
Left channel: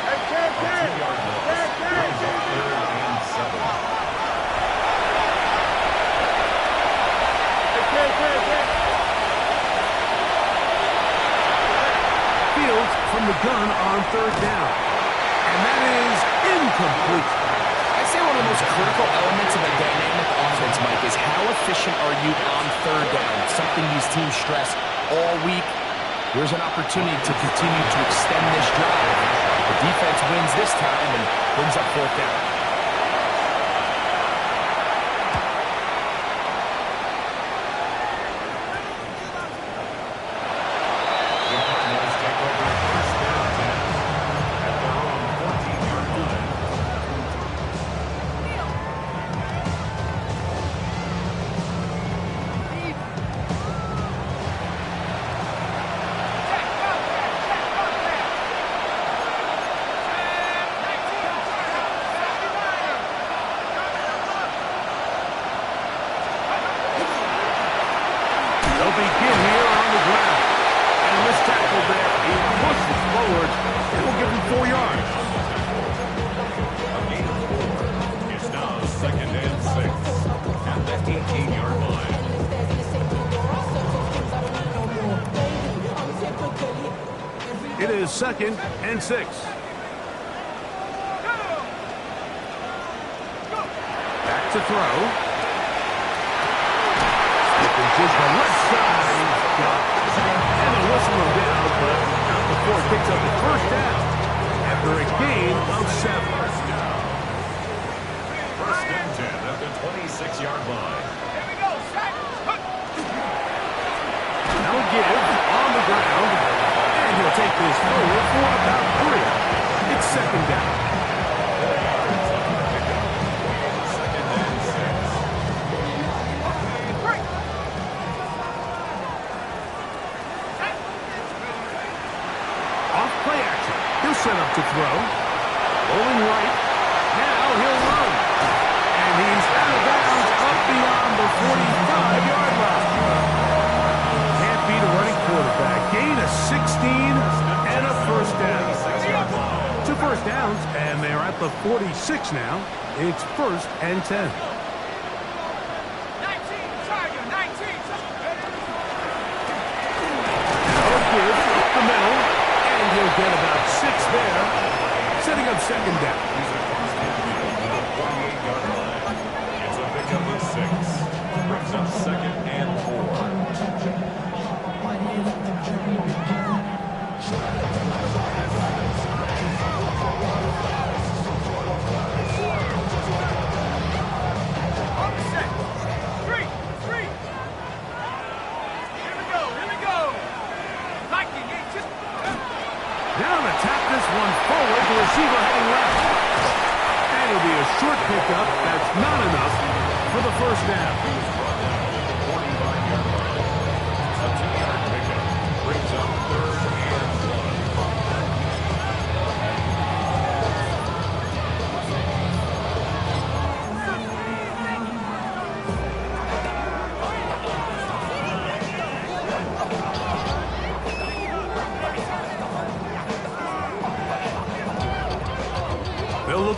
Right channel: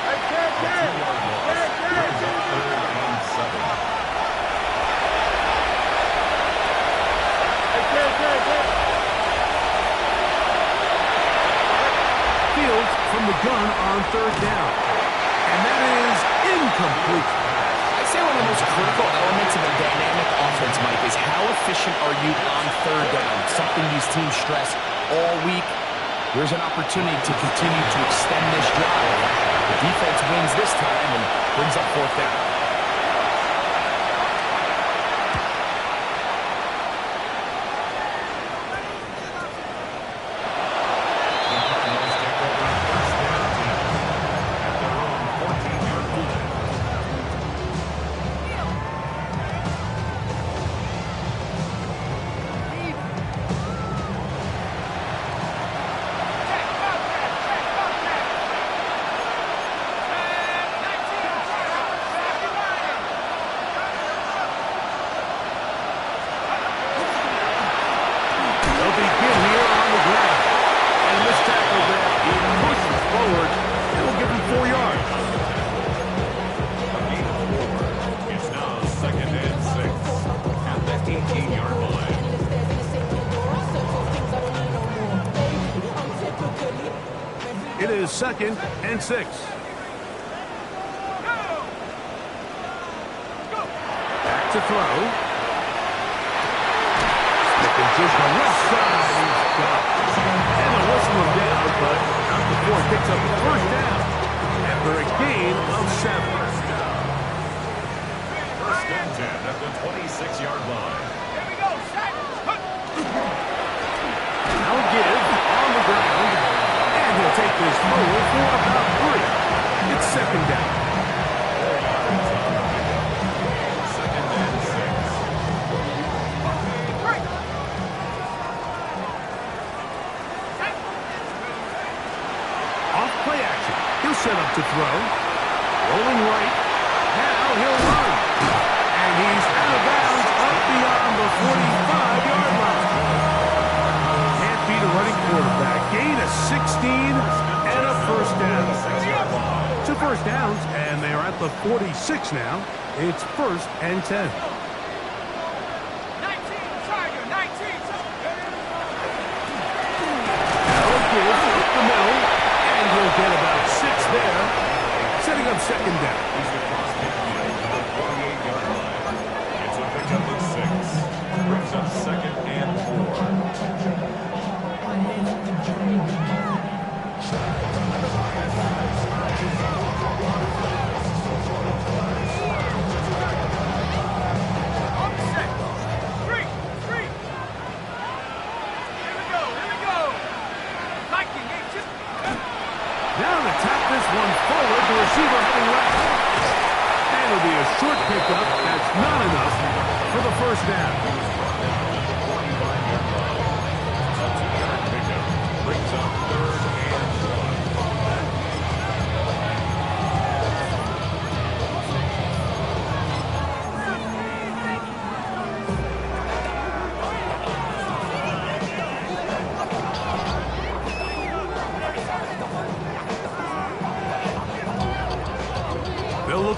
Hey, Ken. Brings up 3rd and 7. Hey, Ken. Fields from the gun on 3rd down. And that is incomplete. I'd say one of the most critical elements of a dynamic offense, Mike, is how efficient are you on 3rd down? Something these teams stress all week. Here's an opportunity to continue to extend this drive. The defense wins this time and brings up 4th down. They'll begin here on the ground. And this tackle there, he pushes forward. It will give him 4 yards. A gain of 4. It's now 2nd and 6 at the 18-yard line. It is 2nd and 6. Back to throw. Slipping just the left side. He's got it. And they'll whistle him down, but not before it picks up the first down. After a gain of 7. First and 10 at the 26-yard line. Here we go, set. Now give on the ground. And he'll take this forward for about 3. It's 2nd down. 4 yards on the pickup. 2nd and 6. Off play action. He'll set up to throw. Rolling right. Now he'll run. And he's out of bounds up beyond the 45-yard line. Can't beat a running quarterback. Gain of 16 and a first down. 6-yard line. 2 first downs, and they're at the 46 now. It's 1st and 10. 19, Tiger, 19. Now give up the middle, and he'll get about 6 there, setting up 2nd down. He's across midfield to the 48-yard line. It's a pickup of 6. Brings up 2nd and 4. On the set. 3. Here we go. Viking, just... Now to tap this one forward, the receiver heading left. And it'll be a short pickup. That's not enough for the first down. Brought down at the 45-yard line. A 2-yard pickup. Brings up 3rd and 1.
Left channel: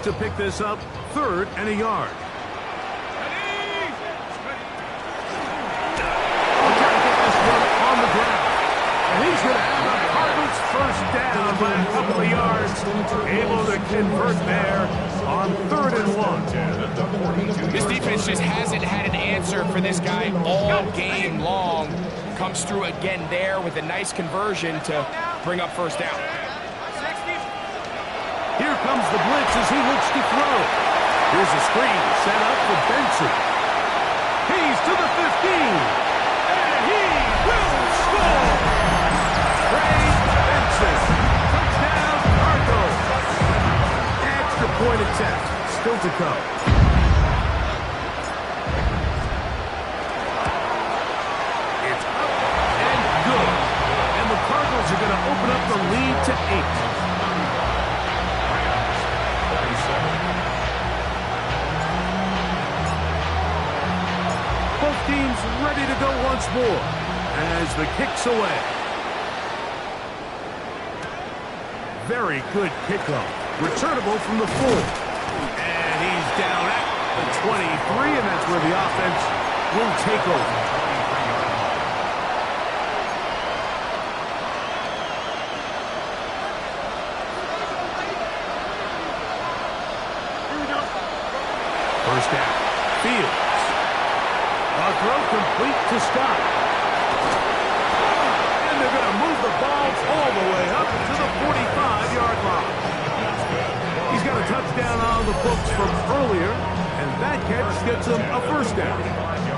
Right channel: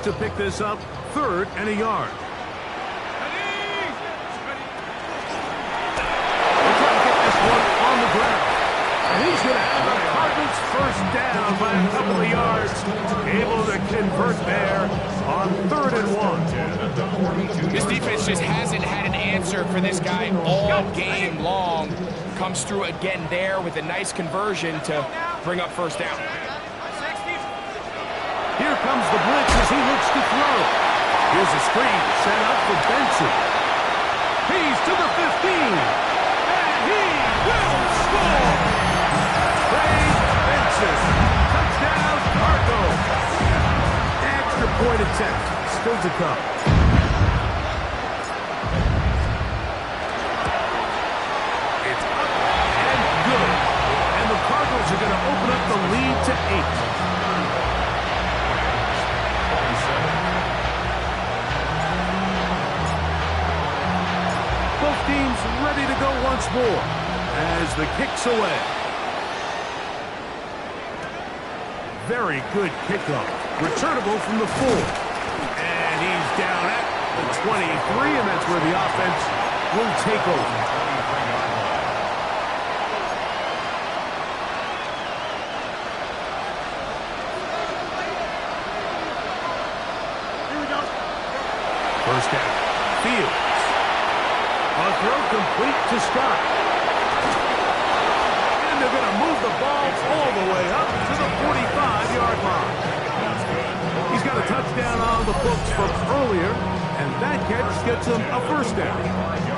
to pick this up, 3rd and a yard. They'll try to get this one on the ground. And he's going to have the Cardinals first down by a couple of yards. Able to convert there on 3rd and 1. This defense just hasn't had an answer for this guy all game long. Comes through again there with a nice conversion to bring up first down. Here comes the blitz as he looks to throw. Here's a screen set up for Benson. He's to the 15. And he will score. Trey Benson. Touchdown, Cardinals. Extra point attempt still to come. It's up and good. And the Cardinals are going to open up the lead to 8. Both teams ready to go once more as the kick's away. Very good kickoff. Returnable from the 4. And he's down at the 23, and that's where the offense will take over. Here we go. First down. Fields. A throw complete to Scott. And they're going to move the ball all the way up to the 45-yard line. He's got a touchdown on the books from earlier, and that catch gets him a first down.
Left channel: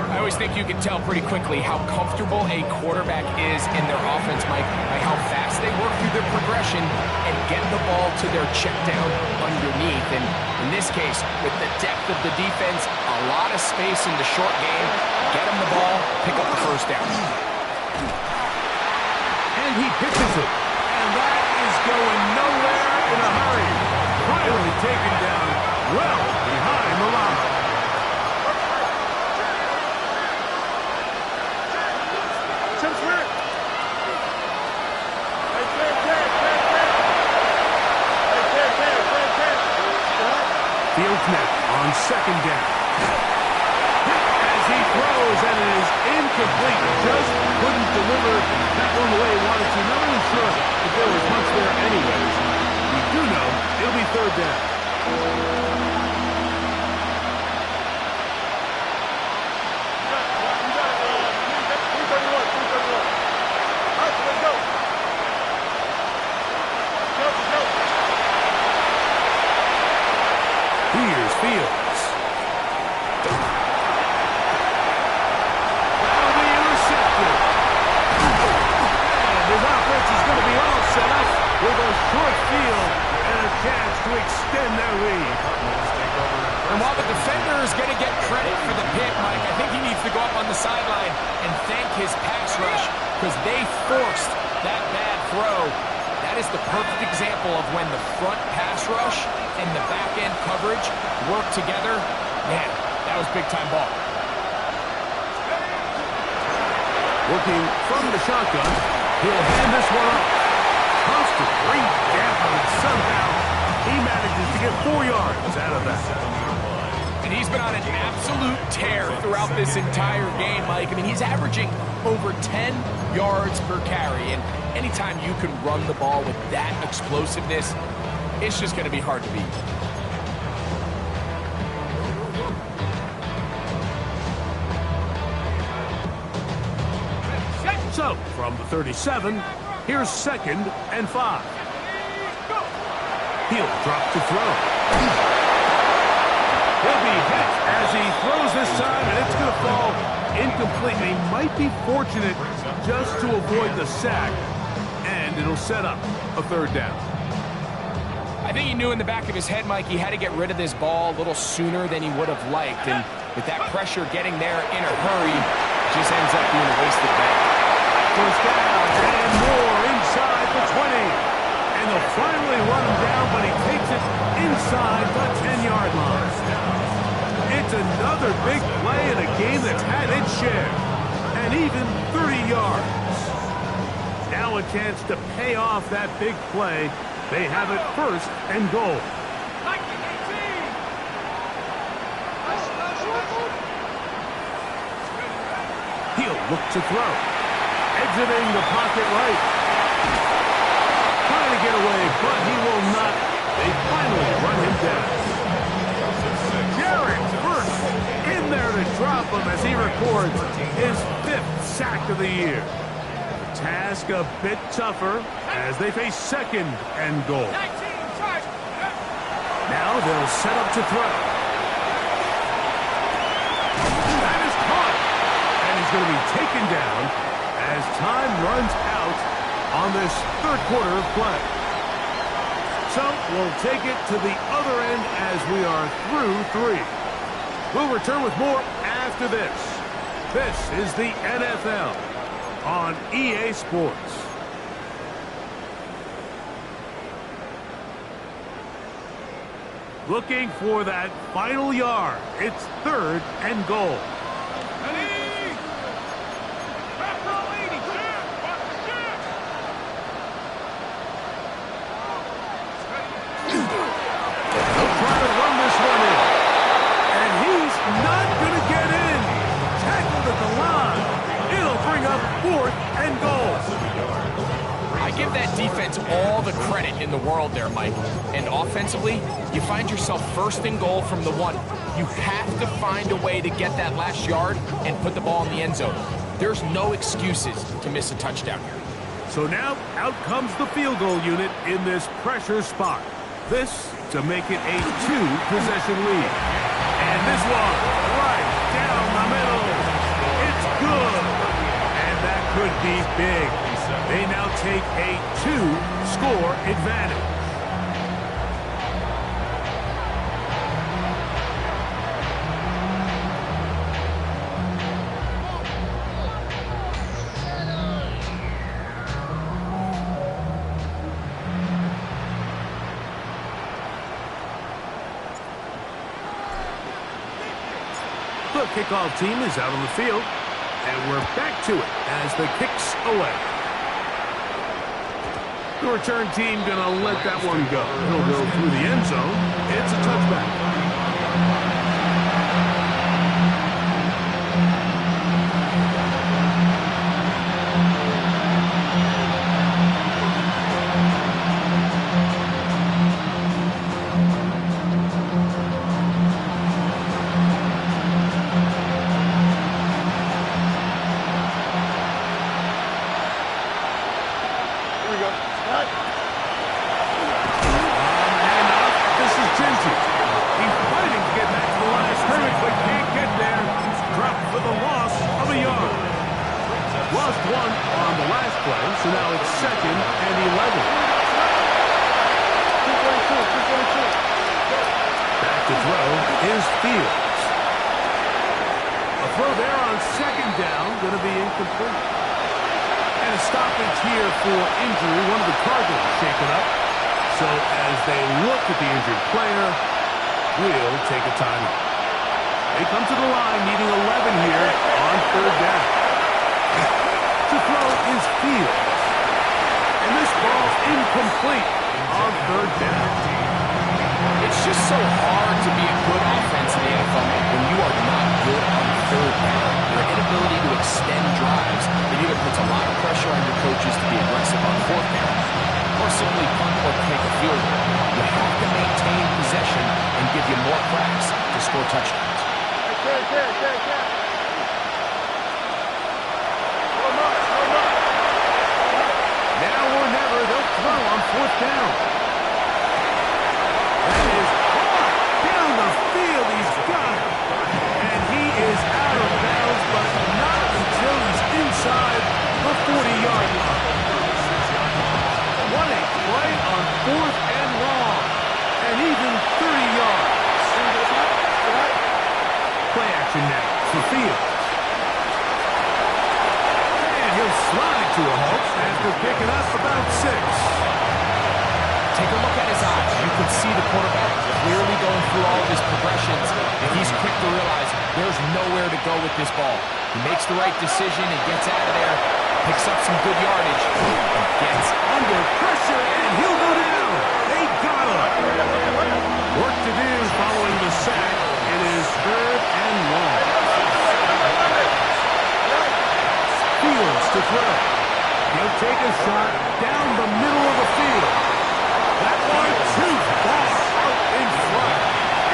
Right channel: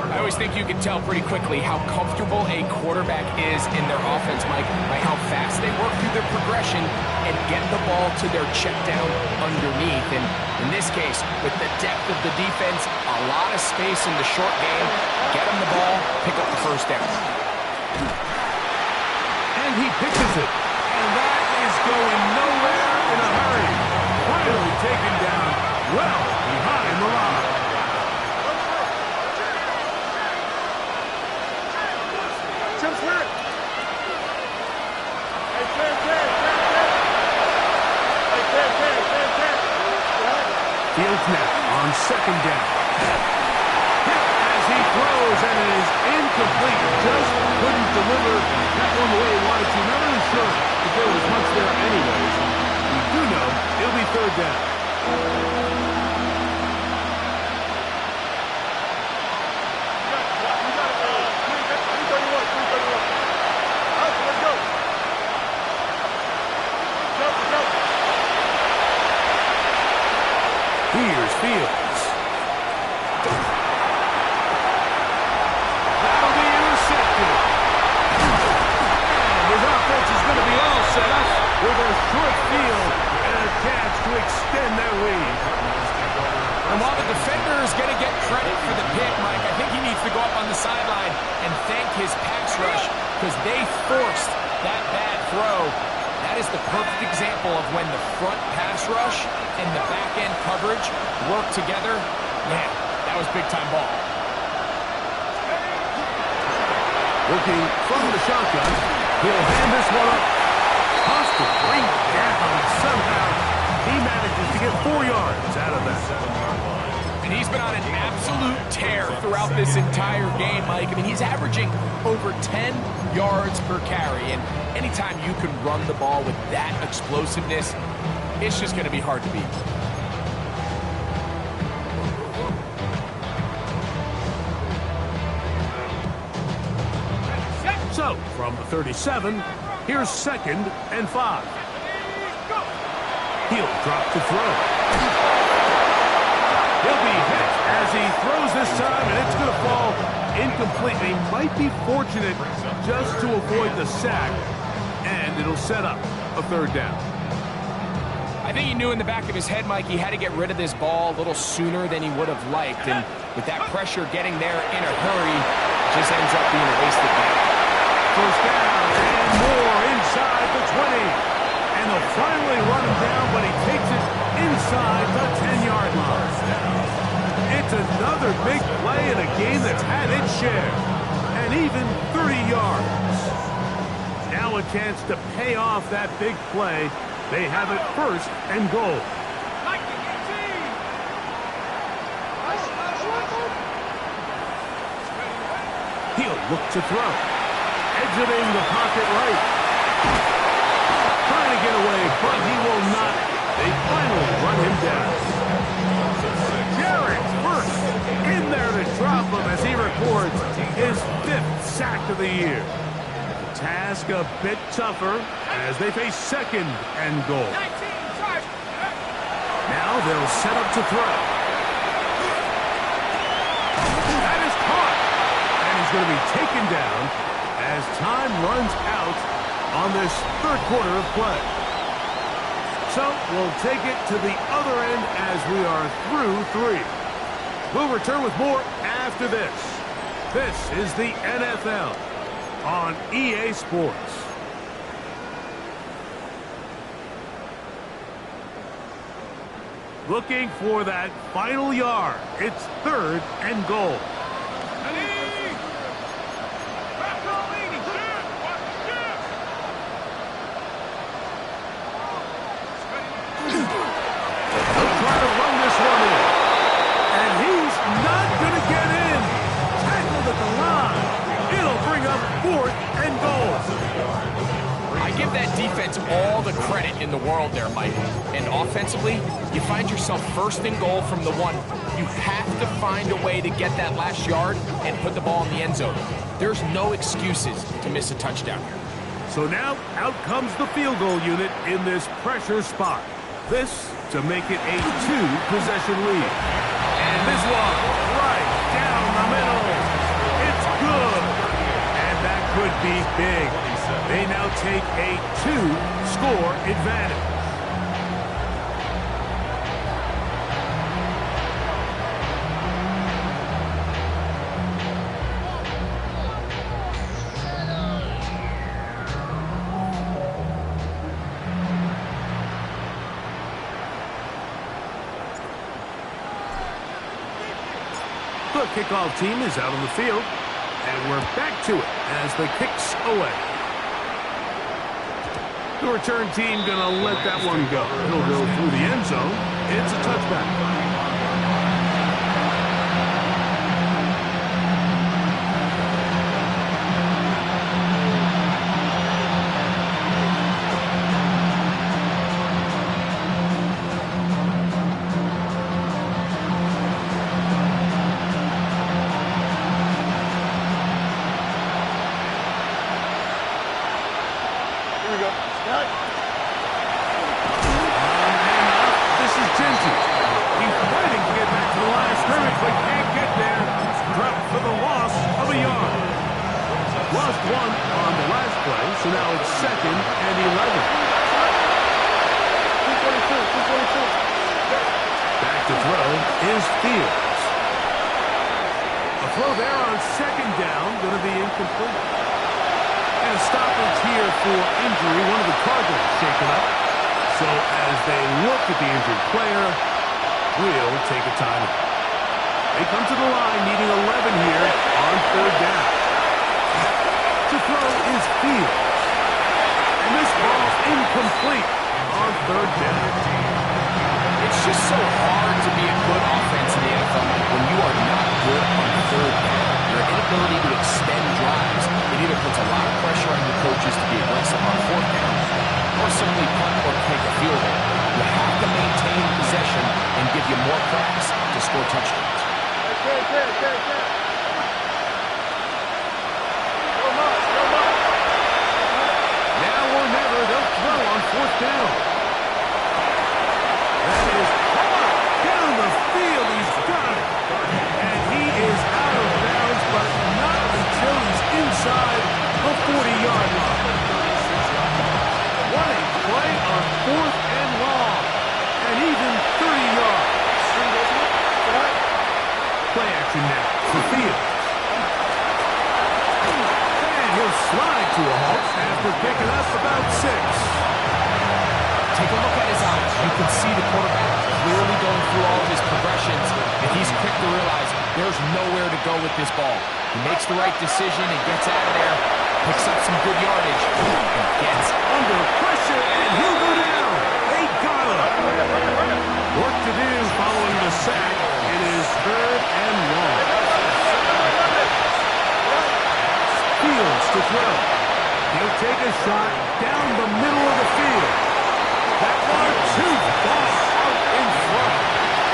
I always think you can tell pretty quickly how comfortable a quarterback is in their offense, Mike, by how fast they work through their progression and get the ball to their check down underneath. And in this case, with the depth of the defense, a lot of space in the short game, get them the ball, pick up the first down. And he pitches it. And that is going nowhere in a hurry. Finally taken down well behind the line. Jim Swear. Hey, Ted. Hey, Ted. Fields now on 2nd down. Hit as he throws, and it is incomplete. Just couldn't deliver that one the way he wanted to. Not really sure if there was much there anyways. We do know it'll be 3rd down. You got 331. Let's go. Go. Here's Fields. That'll be intercepted. And his offense is going to be all set up with a short field and a chance to extend their lead. And while the defender is going to get credit for the pick, Mike, I think he needs to go up on the sideline and thank his pass rush because they forced that bad throw. That is the perfect example of when the front pass rush and the back end coverage work together. Man, that was big-time ball. Working from the shotgun, he'll hand this one off. Tough to bring down. Somehow he manages to get 4 yards out of that. And he's been on an absolute tear throughout this entire game, Mike. I mean, he's averaging over 10 yards per carry. And anytime you can run the ball with that explosiveness, it's just going to be hard to beat. So, from the 37, here's 2nd and 5. He'll drop to throw. He'll be hit as he throws this time, and it's going to fall incomplete. He might be fortunate just to avoid the sack, and it'll set up a 3rd down. I think he knew in the back of his head, Mike, he had to get rid of this ball a little sooner than he would have liked. And with that pressure getting there in a hurry, it just ends up being a wasted bet. First down and more inside the 20. And they'll finally run him down, but he takes it inside the 10-yard line. It's another big play in a game that's had its share. And even 30 yards. Now a chance to pay off that big play. They have it 1st and goal. look to throw. Exiting the pocket right. Trying to get away, but he will not. They finally run him down. Jarrett first in there to drop him as he records his 5th sack of the year. The task a bit tougher as they face 2nd and goal. 19, charge. Now they'll set up to throw. That is caught. And he's going to be taken down as time runs out on this 3rd quarter of play. So we'll take it to the other end as we are through 3. We'll return with more after this. This is the NFL on EA Sports. Looking for that final yard. It's 3rd and goal. They'll try to run this one in. And he's not going to get in. Tackled at the line. It'll bring up 4th and goal. I give that defense all the credit in the world there, Mike. And offensively, you find yourself 1st and goal from the 1. You have to find a way to get that last yard and put the ball in the end zone. There's no excuses to miss a touchdown here. So now out comes the field goal unit in this pressure spot. This to make it a 2-possession lead. And this one right down the middle. It's good. And that could be big. They now take a 2-score advantage. The kickoff team is out on the field, and we're back to it as the kick's away. The return team gonna let that one go. He'll go through the end zone. It's a touchback. Lost 1 on the last play, so now it's 2nd and 11. 242. Back to throw is Fields. A throw there on 2nd down, going to be incomplete. And a stoppage here for injury. One of the Cardinals shaken up. So as they look at the injured player, we'll take a timeout. They come to the line needing 11 here on 3rd down. To throw is Fields. And this ball's incomplete on 3rd down. It's just so hard to be a good offense in the NFL when you are not good on 3rd down. Your inability to extend drives, it either puts a lot of pressure on your coaches to be aggressive on 4th down or simply punt or take a field goal. You have to maintain possession and give you more cracks to score touchdowns. Now or never, they'll throw on 4th down. That is hard down the field. He's got it. And he is out of bounds, but not until he's inside the 40-yard line. What a play on 4th and long. And even 30 yards. Play action now for Fields. He'll slide to a halt after picking up about 6. Take a look at his eyes. You can see the quarterback clearly going through all of his progressions, and he's quick to realize there's nowhere to go with this ball. He makes the right decision and gets out of there, picks up some good yardage, and gets under pressure, and he'll go down. They got him. Work to do following the sack. It is 3rd and long. to throw. He'll take a shot down the middle of the field. That one too far out in front.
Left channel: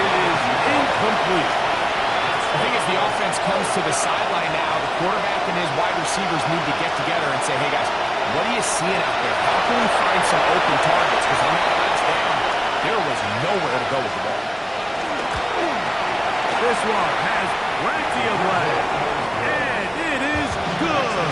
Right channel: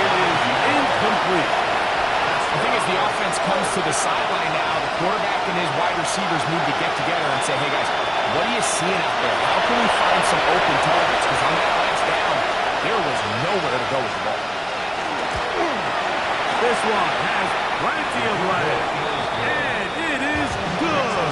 It is incomplete. I think as the offense comes to the sideline now, the quarterback and his wide receivers need to get together and say, hey, guys, what are you seeing out there? How can we find some open targets? Because on that last down, there was nowhere to go with the ball. This one has plenty of legs, and it is good.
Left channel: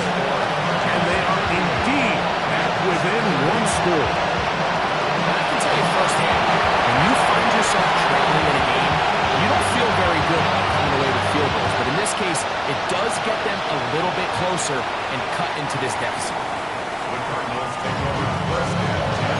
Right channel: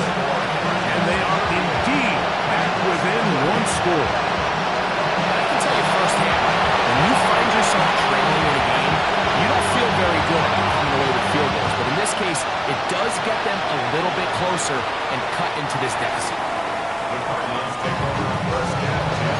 And they are indeed back within one score. And I can tell you firsthand, when you find yourself trailing in a game, you don't feel very good about coming away with field goals. But in this case, it does get them a little bit closer and cut into this deficit. The Cardinals take over first and 10.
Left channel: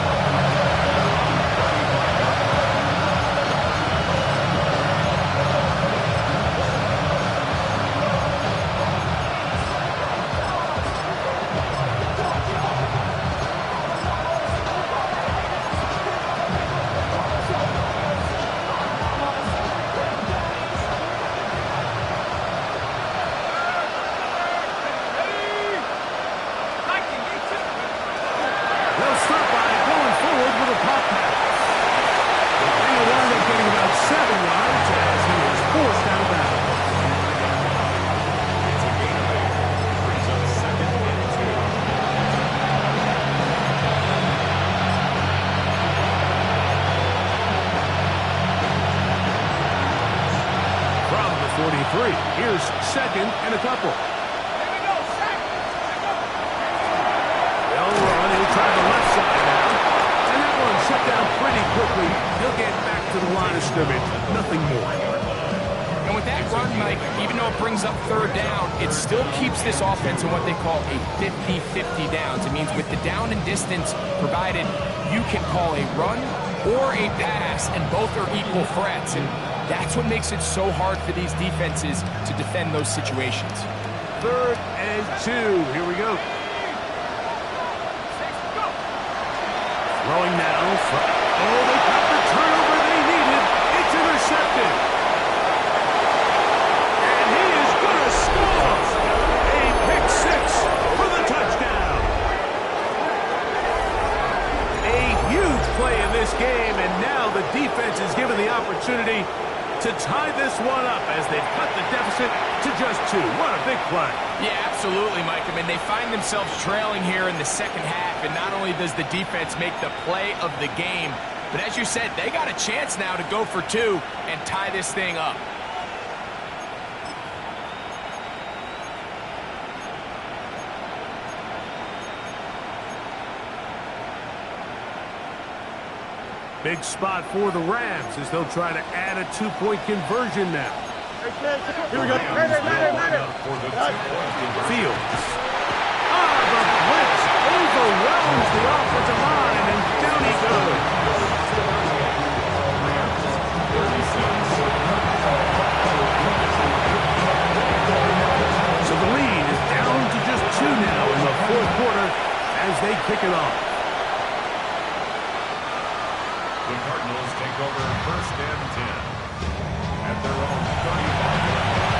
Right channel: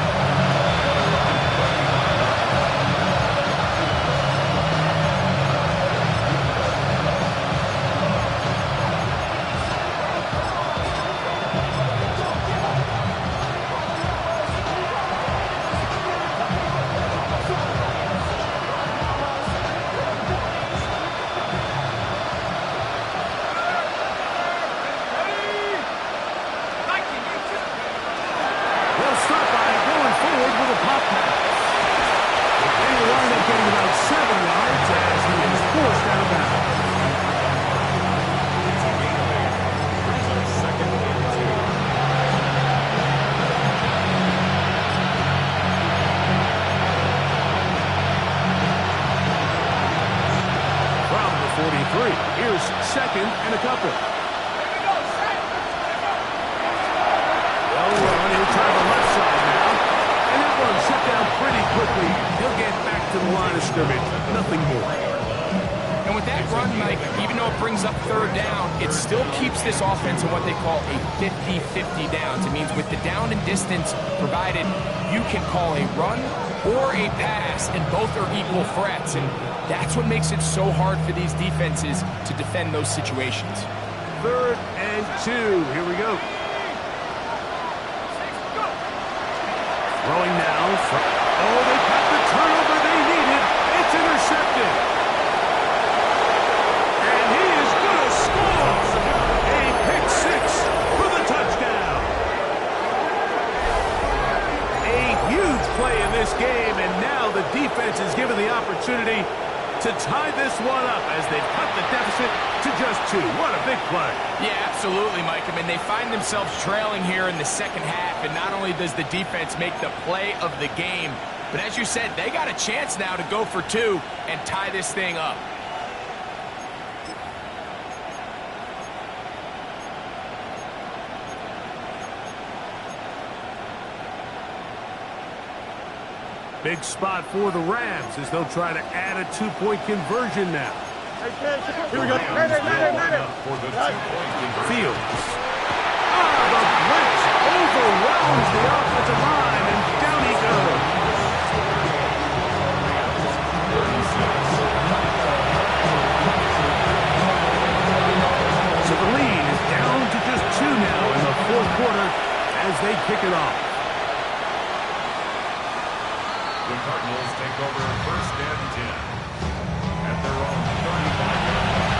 They'll start by going forward with a pop pass. And he'll wind up getting about 7 yards as he is forced out of bounds. It's a gain of 8. Brings up second and 2. From the 43, here's second and a couple. They'll run. He'll try the left side now. And that one shut down pretty quickly. He'll get back to the line of scrimmage. Nothing more. And with that run, Mike, even though it brings up third down, it still keeps this offense in what they call a 50-50 downs. It means with the down and distance provided, you can call a run or a pass, and both are equal threats. And that's what makes it so hard for these defenses to defend those situations. 3rd and 2. Here we go. Throwing now. Oh, they got the turnover they needed. It's intercepted. And he is going to score. A pick 6 for the touchdown. A huge play in this game, and now the defense is given the opportunity to tie this one up as they've cut the deficit to just 2. What a big play. Yeah, absolutely, Mike. I mean, they find themselves trailing here in the second half, and not only does the defense make the play of the game, but as you said, they got a chance now to go for 2 and tie this thing up. Big spot for the Rams as they'll try to add a 2-point conversion now. Here we go. For the 2-point conversion. Fields. The blitz overwhelms the offensive line, and down he goes. 36. So the lead is down to just 2 now in the 4th quarter as they kick it off. The Cardinals take over first and 10 at their own 35-yard line.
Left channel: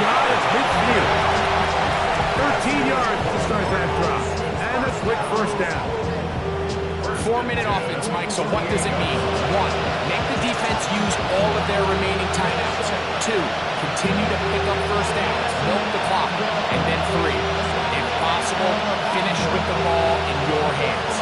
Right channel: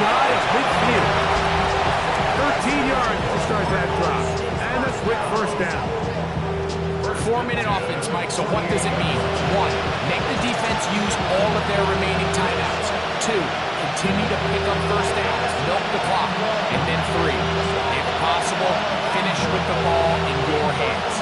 Shy of midfield. 13 yards to start that drop. And a quick first down. 4-minute offense, Mike, so what does it mean? 1, make the defense use all of their remaining timeouts. 2, continue to pick up first downs, milk the clock. And then 3, if possible, finish with the ball in your hands.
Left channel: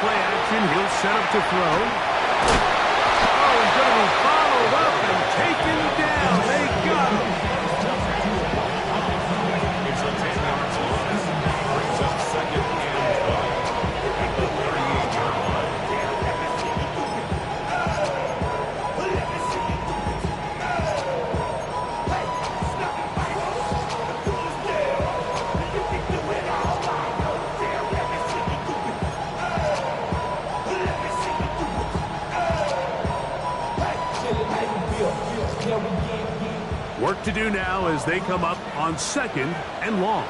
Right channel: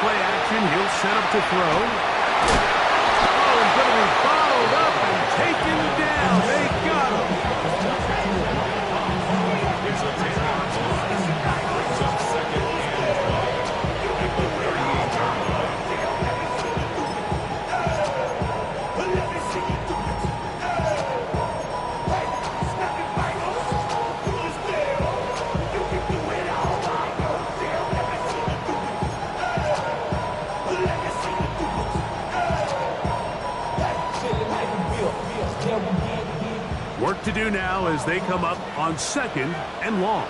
Play action, he'll set up to throw. Oh, is going to be bottled up and taken down. They got him. It's a 10-yard loss. Brings up second and 20 at the 38-yard line. Work to do now as they come up on second and long.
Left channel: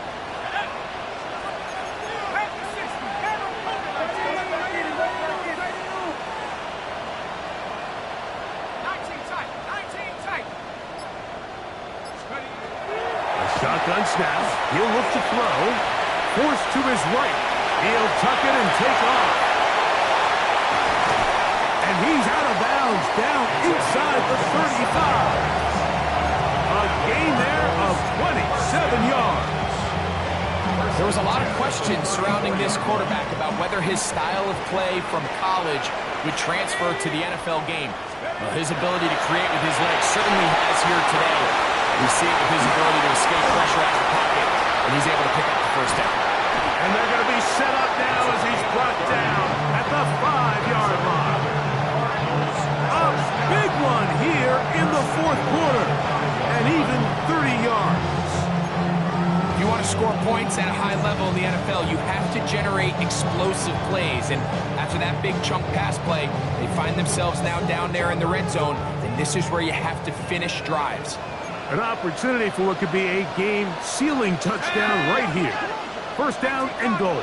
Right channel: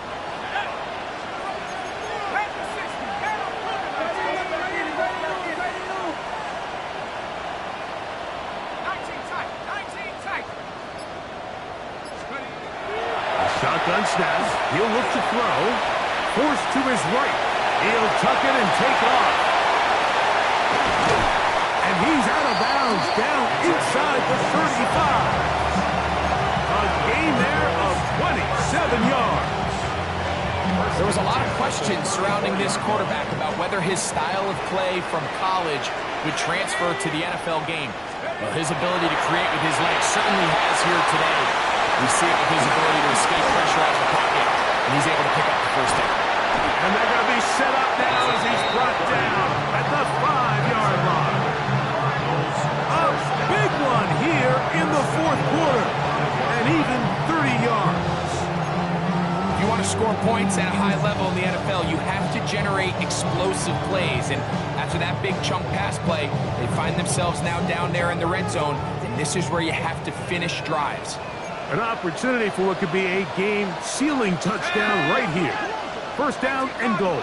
A shotgun snap. He'll look to throw. Forced to his right. He'll tuck it and take off. And he's out of bounds down inside the 35. A gain there of 27 yards. There was a lot of questions surrounding this quarterback about whether his style of play from college would transfer to the NFL game. Well, his ability to create with his legs certainly has here today. We see it with his ability to escape pressure out of the pocket, and he's able to pick up the first down. And they're going to be set up now as he's brought down at the 5-yard line. A big one here in the fourth quarter. And even 30 yards. If you want to score points at a high level in the NFL, you have to generate explosive plays. And after that big chunk pass play, they find themselves now down there in the red zone. And this is where you have to finish drives. An opportunity for what could be a game-sealing touchdown right here. First down and goal.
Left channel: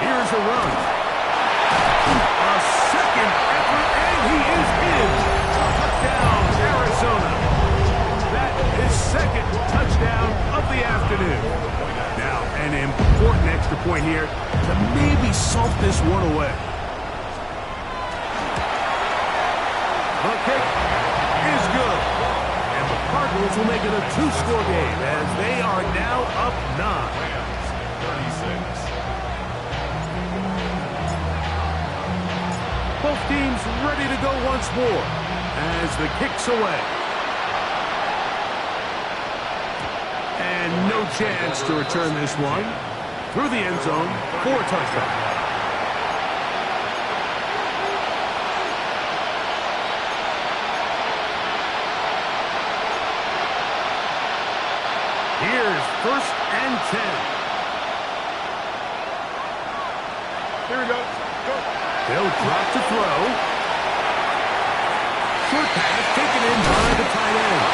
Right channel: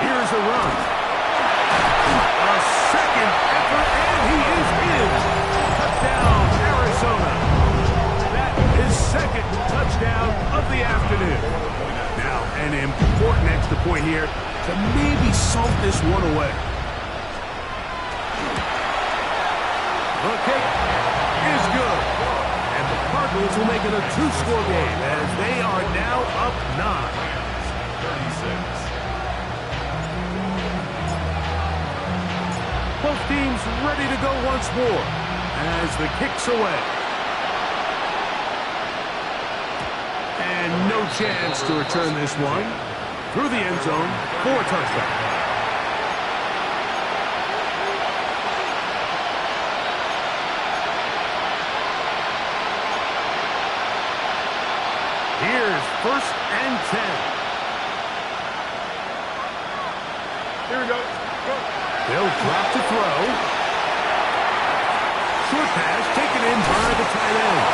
Here's a run. A second effort, and he is in. Touchdown, Arizona. That is second touchdown of the afternoon. Now, an important extra point here to maybe salt this one away. The kick is good. And the Cardinals will make it a two-score game as they are now up 9. 36. Both teams ready to go once more as the kick's away. And no chance to return this one. Through the end zone for a touchdown. Here's first and 10. Here we go. Go. They'll drop to throw. Short pass taken in by the tight end.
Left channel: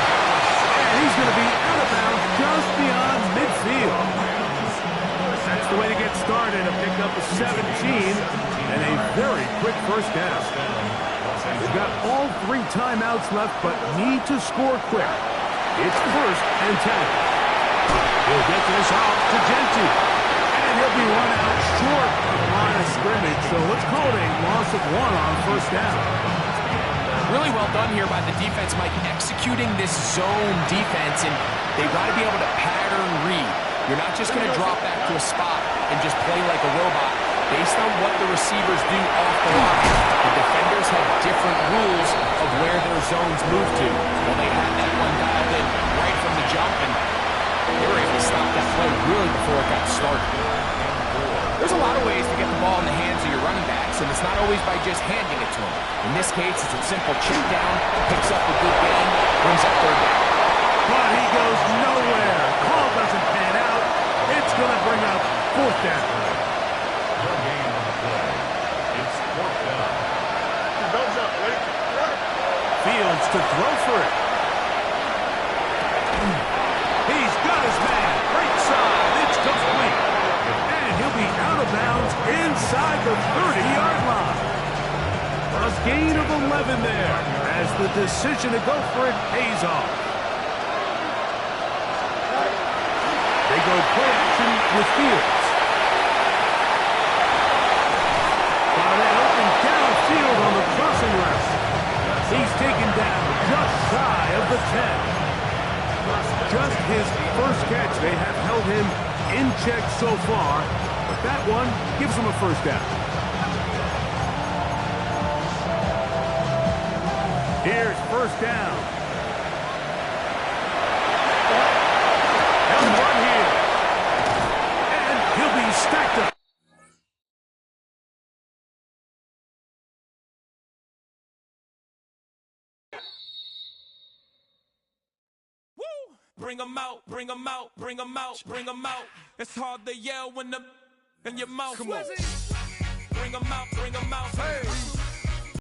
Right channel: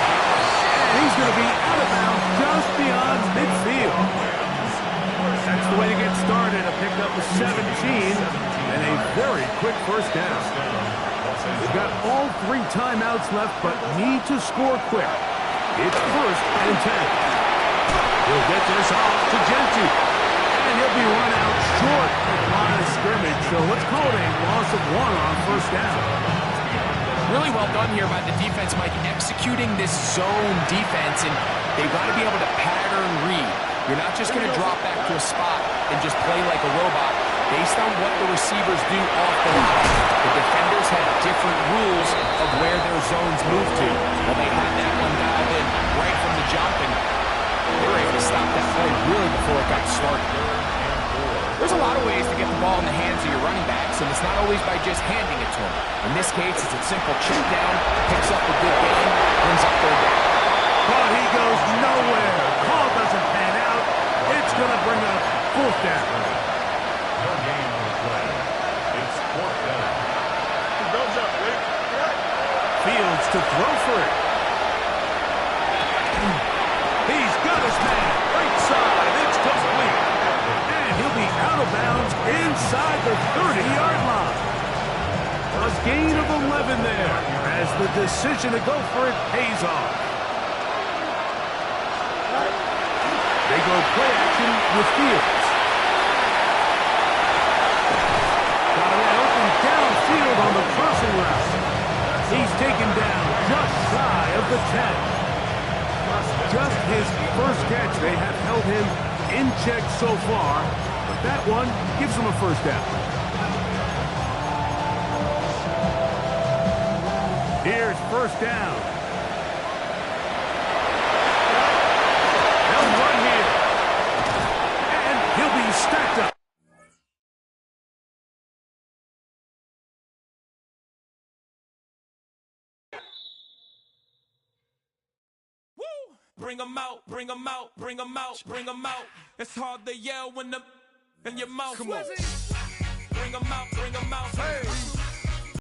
And he's going to be out of bounds just beyond midfield. That's the way to get started. A pickup of 17 and a very quick first down. They've got all 3 timeouts left but need to score quick. It's first and 10. He'll get this off to Genti. And he'll be run out short of the line of scrimmage, so let's call it a loss of 1 on first down. Really well done here by the defense, Mike, executing this zone defense, and they've got to be able to pattern read. You're not just going to drop back to a spot and just play like a robot. Based on what the receivers do off the line, the defenders have different rules of where their zones move to. Well, they had that one dialed in right from the jump, and they were able to stop that play really before it got started. There's a lot of ways to get the ball in the hands of your running backs, and it's not always by just handing it to them. In this case, it's a simple check down, picks up a good gain, brings up third down. But he goes nowhere. Call doesn't pan out. It's going to bring up fourth down. No gain on the play. It's fourth down. Don't jump. Ready? Right. Fields to throw for it. He's got his man. Right side. It's complete. And he'll be out of bounds inside the 30-yard line. A gain of 11 there as the decision to go for it pays off. They go play action with Fields. Got a man open downfield on the crossing route. He's taken down just shy of the 10. Just his first catch. They have held him in check so far, but that one gives him a first down. Here's first down. They'll run here. And he'll be stacked up. Bring them out, bring them out, bring them out, bring them out. It's hard to yell when the in your mouth. Come on. Bring them out, bring them out.